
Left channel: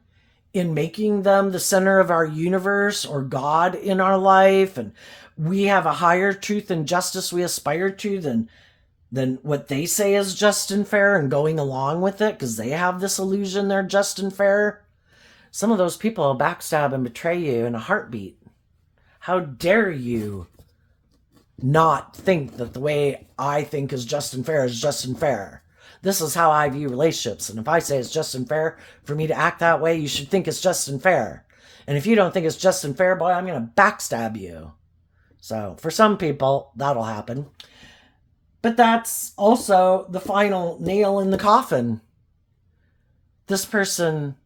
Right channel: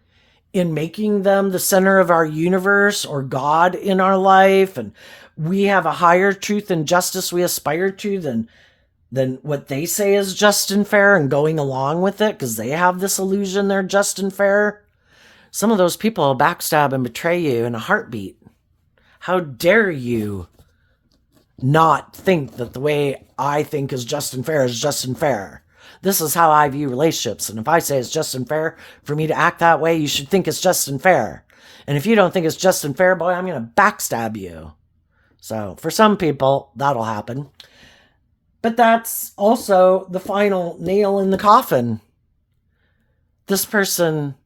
in making them the center of our universe or God in our life, and we have a higher truth and justice we aspire to than what they say is just and fair, and going along with it because they have this illusion they're just and fair, some of those people will backstab and betray you in a heartbeat. How dare you not think that the way I think is just and fair is just and fair? This is how I view relationships. And if I say it's just and fair for me to act that way, you should think it's just and fair. And if you don't think it's just and fair, boy, I'm going to backstab you. So for some people, that'll happen. But that's also the final nail in the coffin. This person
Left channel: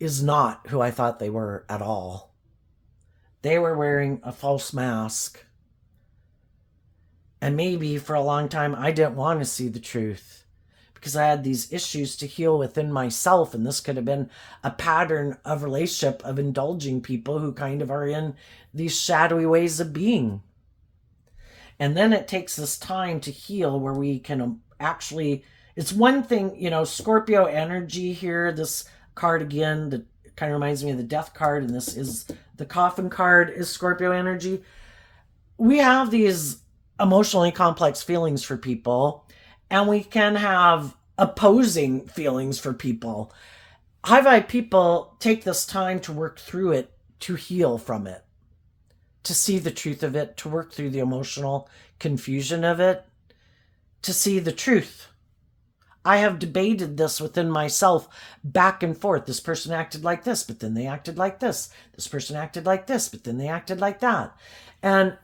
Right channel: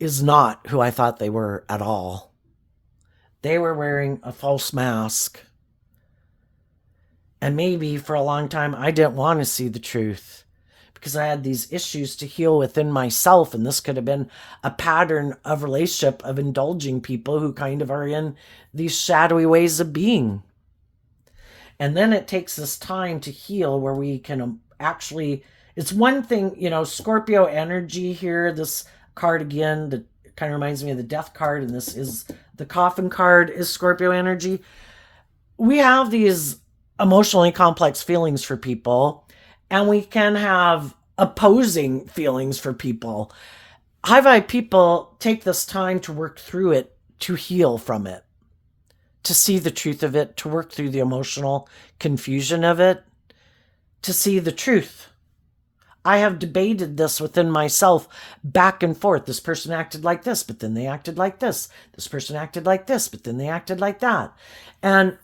is not who I thought they were at all. They were wearing a false mask. And maybe for a long time, I didn't want to see the truth because I had these issues to heal within myself. And this could have been a pattern of relationship of indulging people who kind of are in these shadowy ways of being. And then it takes this time to heal where we can actually, it's one thing, Scorpio energy here, this card again, that kind of reminds me of the death card. And this is the coffin card is Scorpio energy. We have these emotionally complex feelings for people, and we can have opposing feelings for people. High vibe people take this time to work through it, to heal from it, to see the truth of it, to work through the emotional confusion of it, to see the truth. I have debated this within myself back and forth. This person acted like this, but then they acted like this. This person acted like this, but then they acted like that. And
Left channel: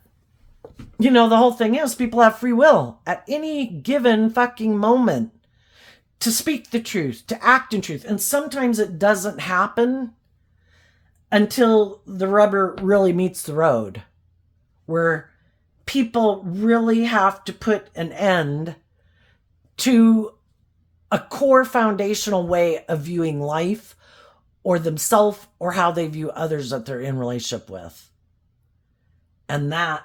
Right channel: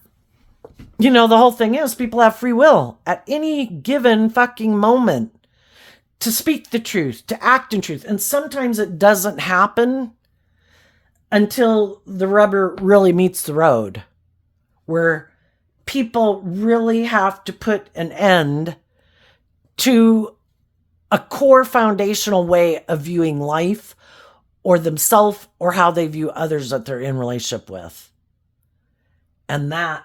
the whole thing is people have free will at any given fucking moment to speak the truth, to act in truth. And sometimes it doesn't happen until the rubber really meets the road, where people really have to put an end to a core foundational way of viewing life or themselves or how they view others that they're in relationship with. And that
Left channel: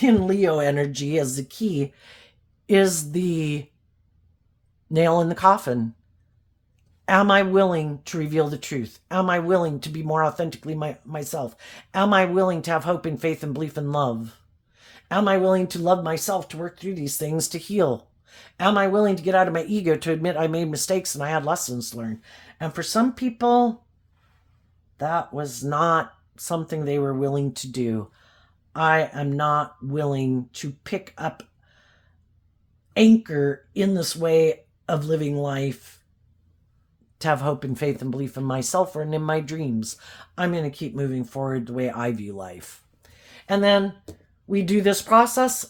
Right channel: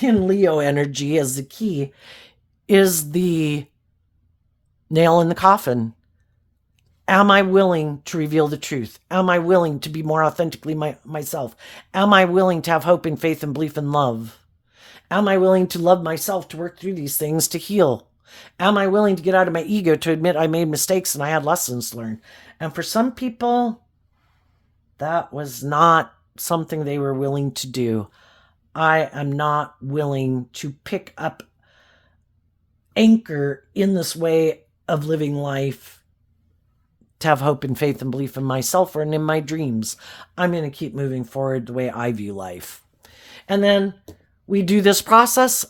in Leo energy as the key is the nail in the coffin. Am I willing to reveal the truth? Am I willing to be more authentically myself? Am I willing to have hope and faith and belief and love? Am I willing to love myself, to work through these things, to heal? Am I willing to get out of my ego, to admit I made mistakes and I had lessons to learn? And for some people, that was not something they were willing to do. I am not willing to pick up anchor in this way of living life, to have hope and faith and belief in myself and in my dreams. I'm going to keep moving forward the way I view life. And then we do this process.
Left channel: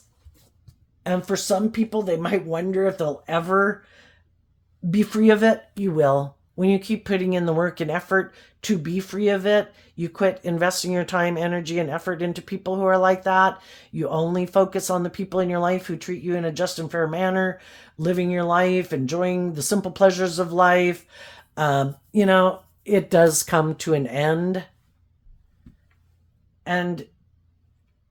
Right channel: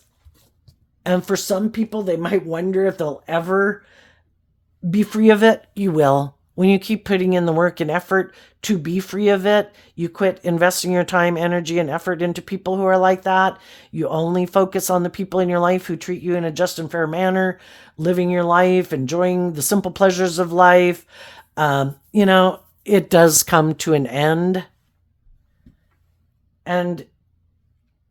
And for some people, they might wonder if they'll ever be free of it. You will. When you keep putting in the work and effort to be free of it, you quit investing your time, energy, and effort into people who are like that. You only focus on the people in your life who treat you in a just and fair manner, living your life, enjoying the simple pleasures of life. It does come to an end. And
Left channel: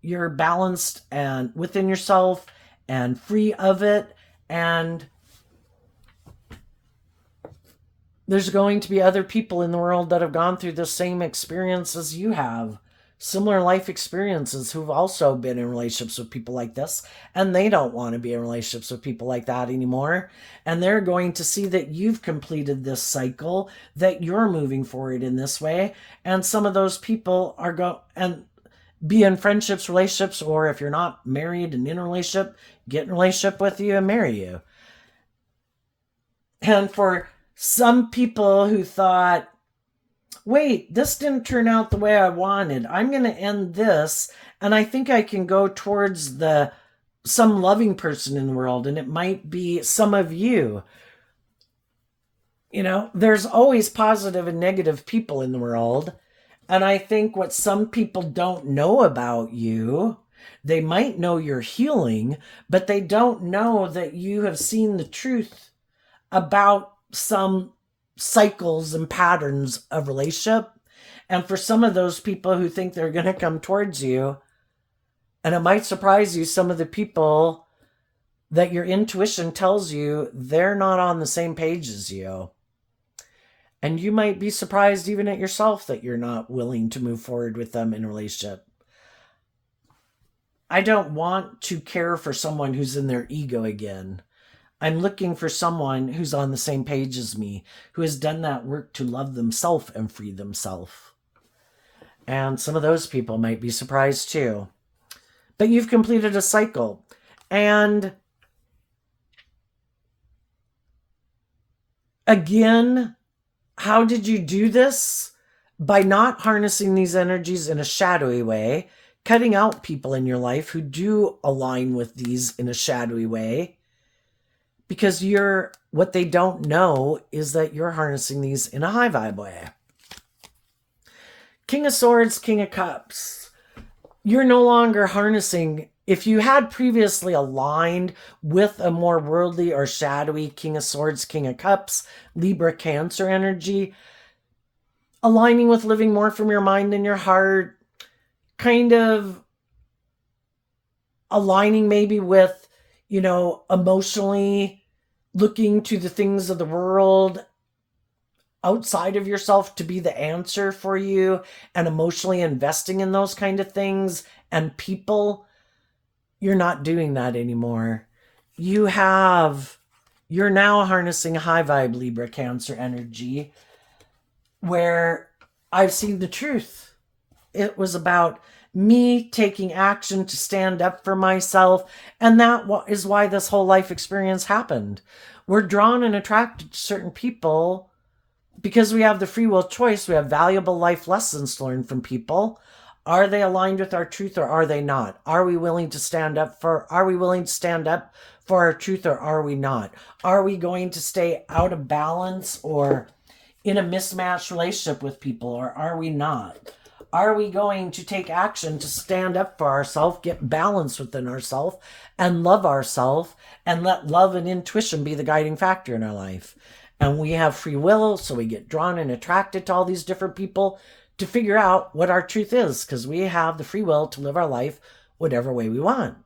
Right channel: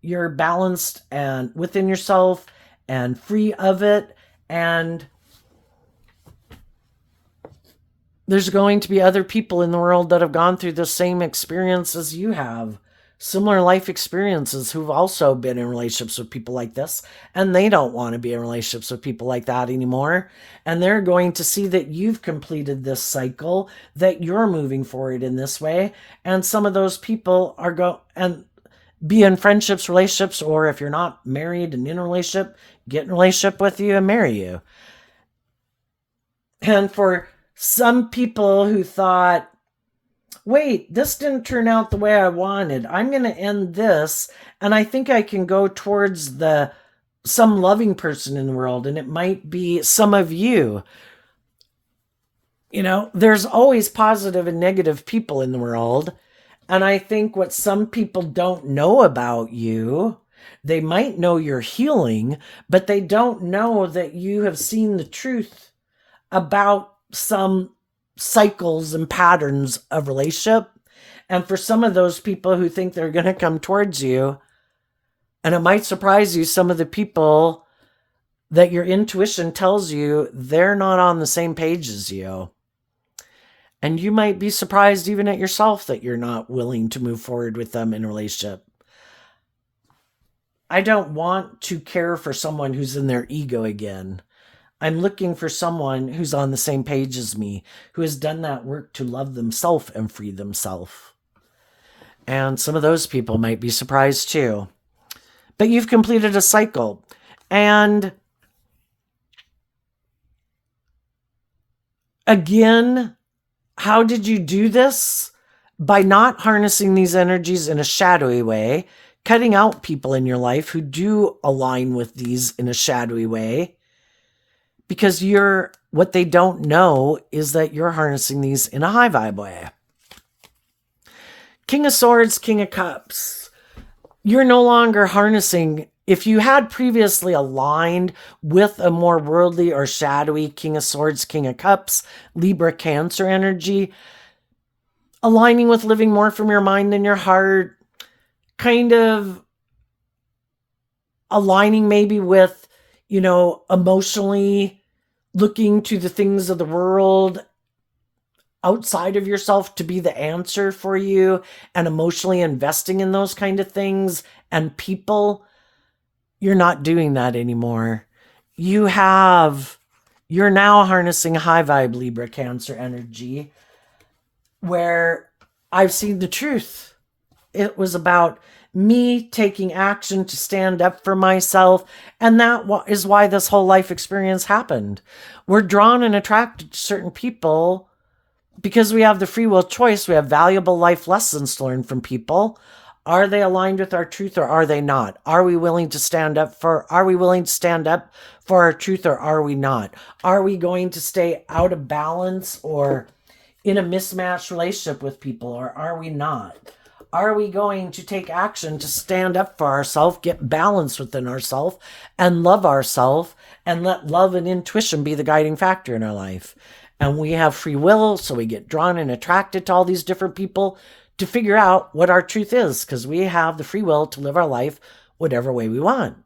you're balanced and within yourself and free of it. And there's going to be other people in the world that have gone through the same experience as you have, similar life experiences, who've also been in relationships with people like this, and they don't want to be in relationships with people like that anymore. And they're going to see that you've completed this cycle, that you're moving forward in this way. And some of those people are and be in friendships, relationships, or if you're not married and in a relationship, get in a relationship with you and marry you. And for some people who thought, wait, this didn't turn out the way I wanted, I'm going to end this, and I think I can go towards some loving person in the world, and it might be some of you. There's always positive and negative people in the world. And I think what some people don't know about you, they might know you're healing, but they don't know that you have seen the truth about some cycles and patterns of relationship. And for some of those people who think they're going to come towards you, and it might surprise you, some of the people that your intuition tells you they're not on the same page as you. And you might be surprised even at yourself that you're not willing to move forward with them in a relationship. I don't want to care for someone who's in their ego again. I'm looking for someone who's on the same page as me, who has done that work to love themselves and free themselves. And some of those people might be surprised too. But you've completed a cycle. And again, how did you do this? By not harnessing these energies in a shadowy way, cutting out people in your life who do align with these in a shadowy way. Because what they don't know is that you're harnessing these in a high vibe way. King of Swords, King of Cups. You're no longer harnessing. If you had previously aligned with a more worldly or shadowy King of Swords, King of Cups, Libra, Cancer energy, aligning with living more from your mind and your heart, kind of aligning maybe with, emotionally looking to the things of the world outside of yourself to be the answer for you, and emotionally investing in those kind of things and people. You're not doing that anymore. You're now harnessing high vibe Libra Cancer energy, where I've seen the truth. It was about me taking action to stand up for myself. And that is why this whole life experience happened. We're drawn and attracted to certain people because we have the free will choice. We have valuable life lessons to learn from people. Are they aligned with our truth or are they not? Are we willing to stand up for our truth or are we not? Are we going to stay out of balance or in a mismatched relationship with people or are we not? Are we going to take action to stand up for ourselves, get balance within ourselves, and love ourselves, and let love and intuition be the guiding factor in our life? And we have free will, so we get drawn and attracted to all these different people to figure out what our truth is, because we have the free will to live our life whatever way we want.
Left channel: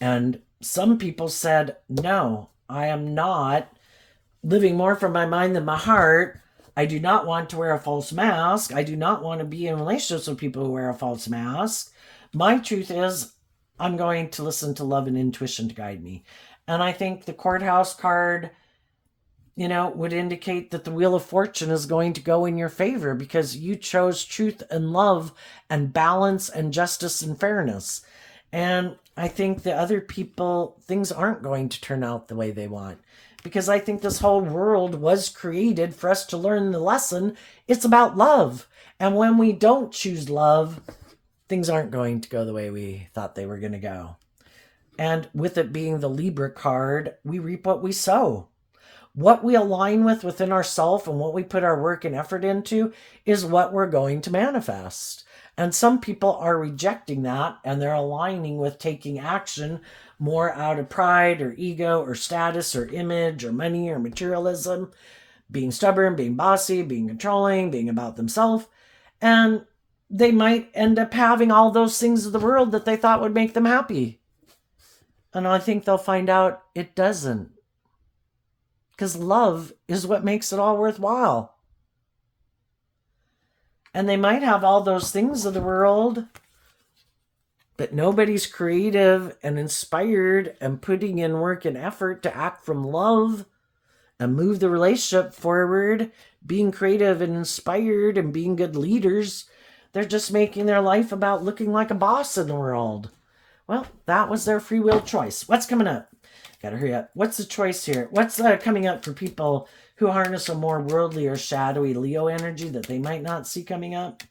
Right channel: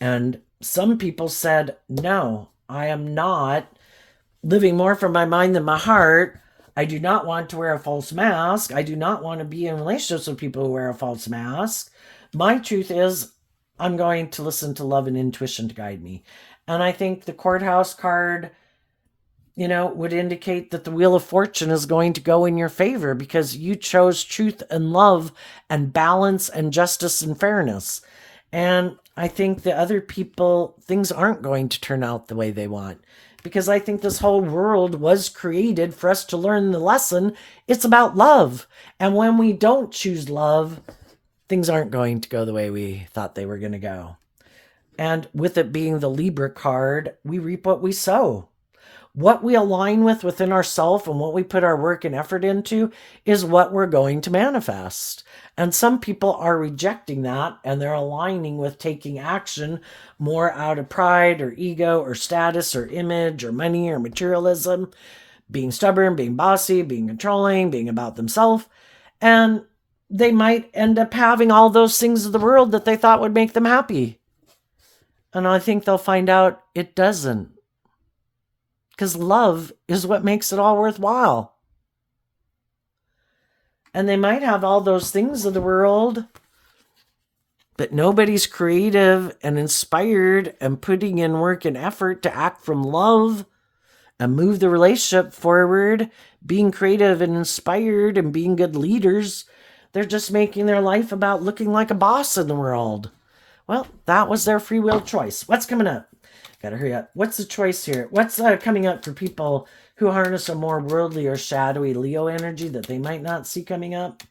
And some people said, no, I am not living more from my mind than my heart. I do not want to wear a false mask. I do not want to be in relationships with people who wear a false mask. My truth is, I'm going to listen to love and intuition to guide me. And I think the courthouse card, would indicate that the wheel of fortune is going to go in your favor because you chose truth and love and balance and justice and fairness. And I think the other people, things aren't going to turn out the way they want, because I think this whole world was created for us to learn the lesson. It's about love. And when we don't choose love, things aren't going to go the way we thought they were going to go. And with it being the Libra card, we reap what we sow. What we align with within ourselves and what we put our work and effort into is what we're going to manifest. And some people are rejecting that, and they're aligning with taking action more out of pride or ego or status or image or money or materialism, being stubborn, being bossy, being controlling, being about themselves. And they might end up having all those things of the world that they thought would make them happy. And I think they'll find out it doesn't. Because love is what makes it all worthwhile. And they might have all those things of the world, but nobody's creative and inspired and putting in work and effort to act from love and move the relationship forward, being creative and inspired and being good leaders. They're just making their life about looking like a boss in the world. Well, that was their free will choice. What's coming up? Gotta hurry up. What's the choice here? What's coming up for people who harness a more worldly or shadowy Leo energy that they might not see coming up?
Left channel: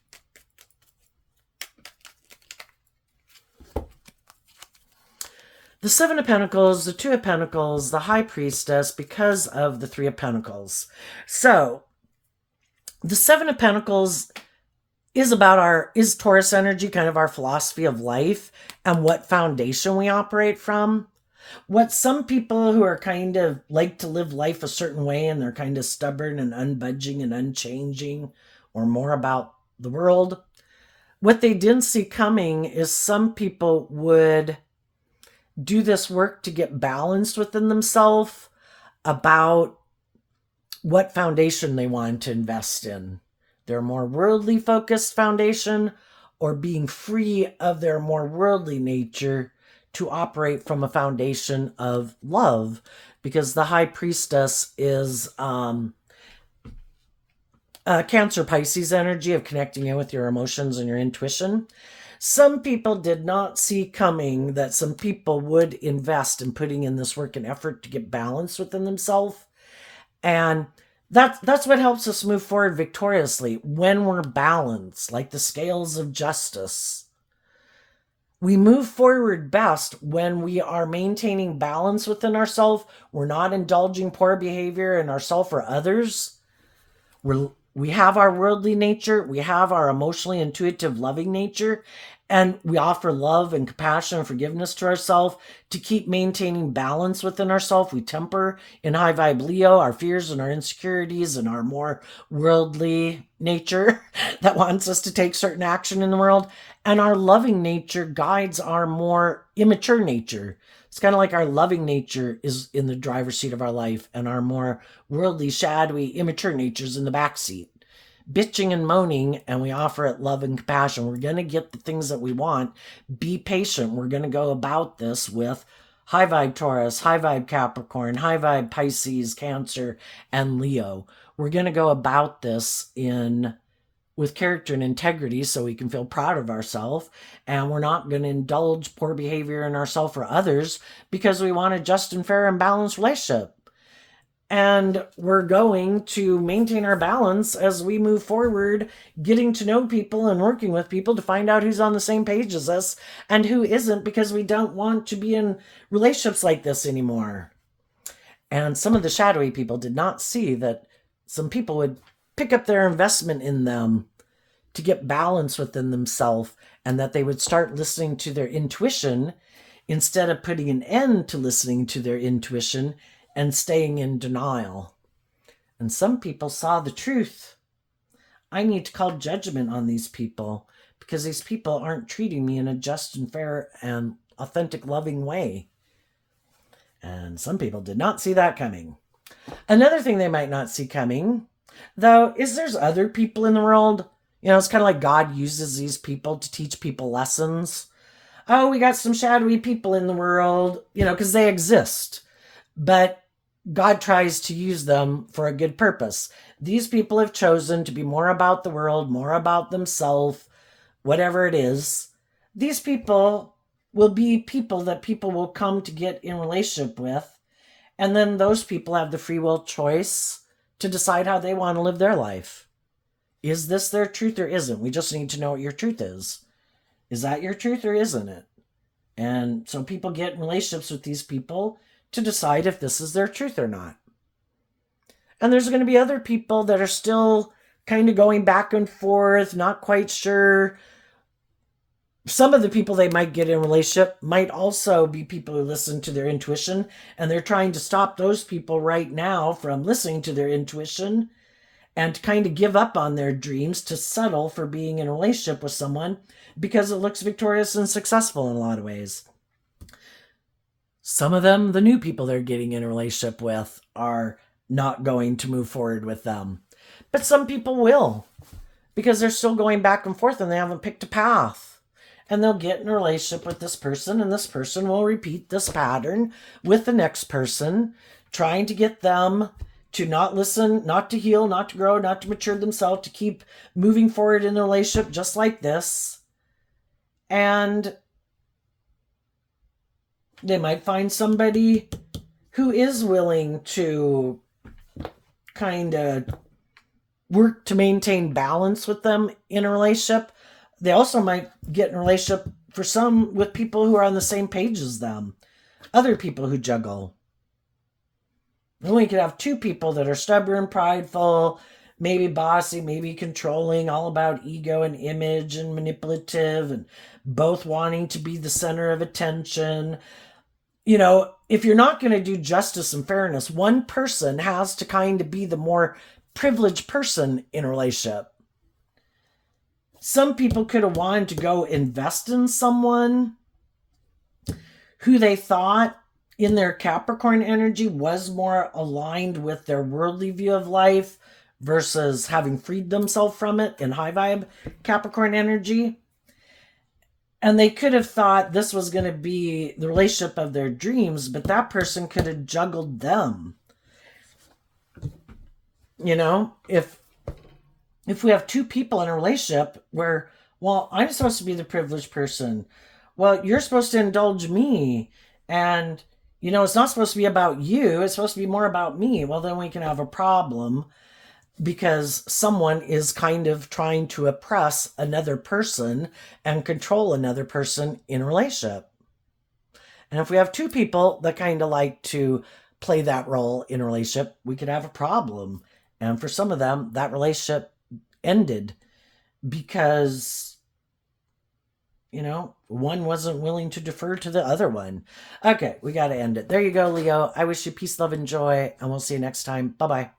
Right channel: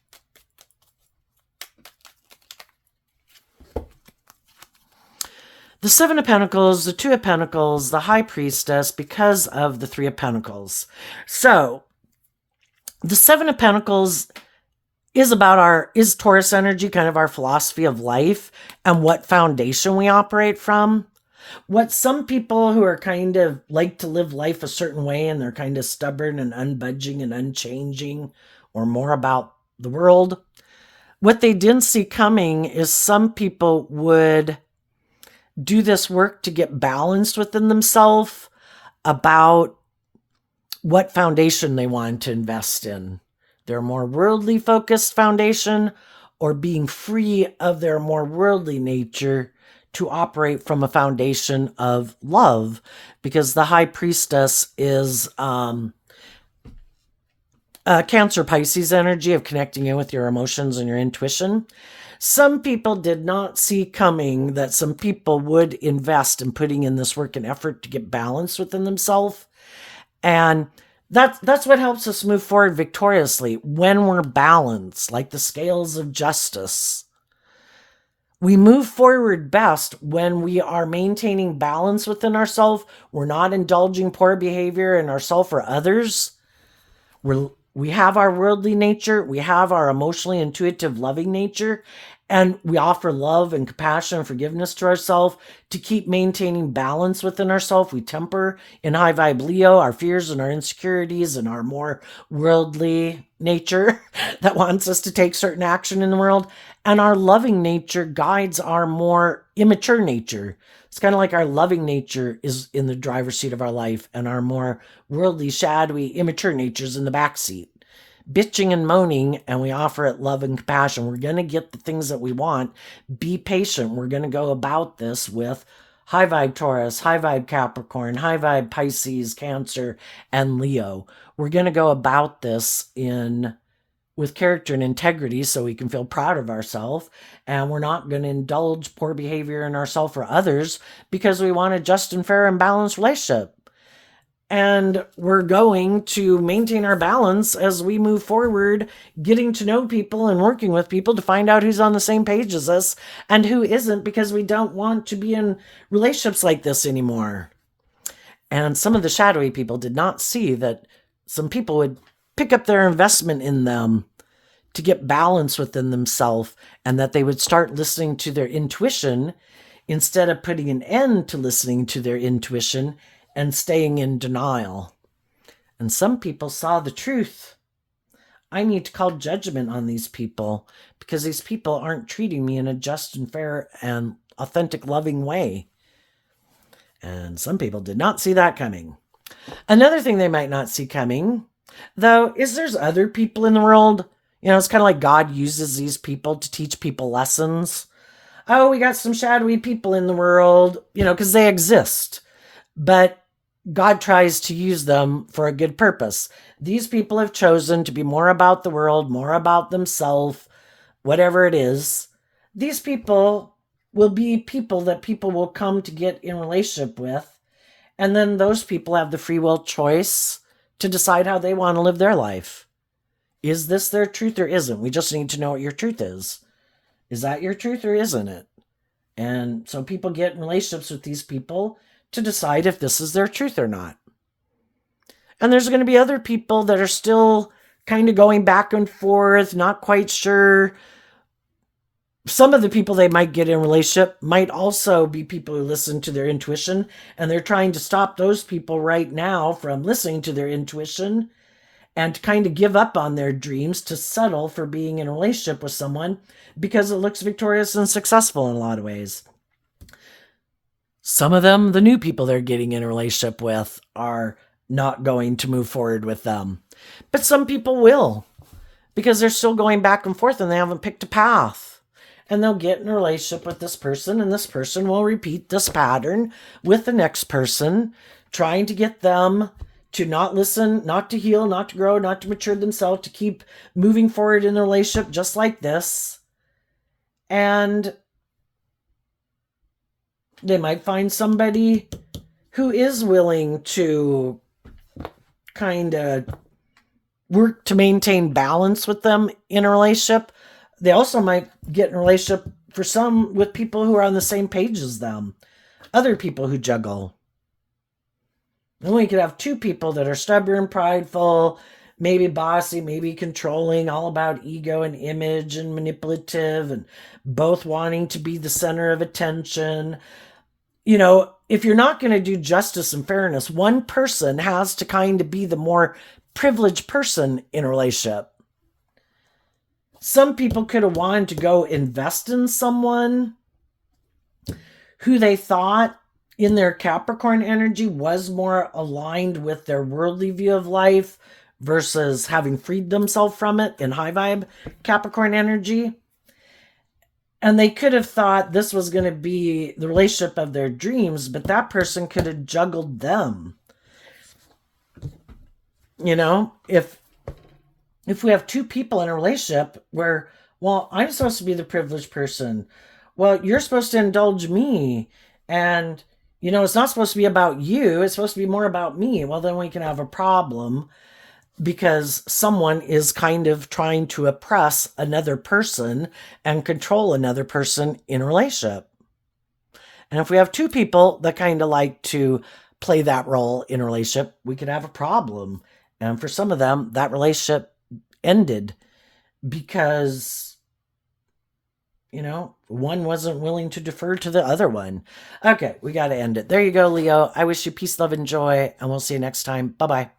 The Seven of Pentacles, the Two of Pentacles, the High Priestess, because of the Three of Pentacles. So, the Seven of Pentacles is Taurus energy, kind of our philosophy of life and what foundation we operate from. What some people who are kind of like to live life a certain way and they're kind of stubborn and unbudging and unchanging or more about the world, what they didn't see coming is some people would do this work to get balanced within themselves about what foundation they want to invest in. Their more worldly focused foundation or being free of their more worldly nature to operate from a foundation of love, because the High Priestess is Cancer Pisces energy of connecting in with your emotions and your intuition. Some people did not see coming that some people would invest in putting in this work and effort to get balance within themselves. And that's what helps us move forward victoriously when we're balanced, like the scales of justice. We move forward best when we are maintaining balance within ourselves. We're not indulging poor behavior in ourselves or others. We have our worldly nature. We have our emotionally intuitive, loving nature. And we offer love and compassion and forgiveness to ourselves to keep maintaining balance within ourselves. We temper in high vibe Leo our fears and our insecurities and our more worldly nature that wants us to take certain action in the world. And our loving nature guides our more immature nature. It's kind of like our loving nature is in the driver's seat of our life and our more worldly, shadowy, immature nature is in the back seat. Bitching and moaning, and we offer it love and compassion. We're going to get the things that we want. Be patient. We're going to go about this with high vibe Taurus, high vibe Capricorn, high vibe Pisces, Cancer, and Leo. We're going to go about this with character and integrity so we can feel proud of ourselves, and we're not going to indulge poor behavior in ourselves or others because we want a just and fair and balanced relationship. And we're going to maintain our balance as we move forward, getting to know people and working with people to find out who's on the same page as us and who isn't, because we don't want to be in relationships like this anymore. And some of the shadowy people did not see that some people would pick up their investment in them to get balance within themselves, and that they would start listening to their intuition instead of putting an end to listening to their intuition and staying in denial. And some people saw the truth. I need to call judgment on these people because these people aren't treating me in a just and fair and authentic, loving way. And some people did not see that coming. Another thing they might not see coming, though, is there's other people in the world. It's kind of like God uses these people to teach people lessons. Oh, we got some shadowy people in the world, because they exist. But God tries to use them for a good purpose. These people have chosen to be more about the world, more about themselves, whatever it is. These people will be people that people will come to get in relationship with. And then those people have the free will choice to decide how they want to live their life. Is this their truth or isn't? We just need to know what your truth is. Is that your truth or isn't it? And so people get in relationships with these people to decide if this is their truth or not. And there's going to be other people that are still kind of going back and forth, not quite sure. Some of the people they might get in a relationship might also be people who listen to their intuition, and they're trying to stop those people right now from listening to their intuition and to kind of give up on their dreams to settle for being in a relationship with someone because it looks victorious and successful in a lot of ways. Some of them, the new people they're getting in a relationship with, are not going to move forward with them. But some people will, because they're still going back and forth and they haven't picked a path. And they'll get in a relationship with this person, and this person will repeat this pattern with the next person, trying to get them to not listen, not to heal, not to grow, not to mature themselves, to keep moving forward in the relationship just like this. And they might find somebody who is willing to kind of work to maintain balance with them in a relationship. They also might get in a relationship for some with people who are on the same page as them. Other people who juggle. And we could have two people that are stubborn, prideful, maybe bossy, maybe controlling, all about ego and image and manipulative, and both wanting to be the center of attention. If you're not going to do justice and fairness, one person has to kind of be the more privileged person in a relationship. Some people could have wanted to go invest in someone who they thought in their Capricorn energy was more aligned with their worldly view of life versus having freed themselves from it in high vibe Capricorn energy. And they could have thought this was going to be the relationship of their dreams, but that person could have juggled them. If we have two people in a relationship where, well, I'm supposed to be the privileged person. Well, you're supposed to indulge me. And, it's not supposed to be about you. It's supposed to be more about me. Well, then we can have a problem because someone is kind of trying to oppress another person and control another person in a relationship. And if we have two people that kind of like to play that role in a relationship, we could have a problem. And for some of them, that relationship ended because one wasn't willing to defer to the other one. Okay, we got to end it. There you go, Leo. I wish you peace, love, and joy, and we'll see you next time. Bye-bye.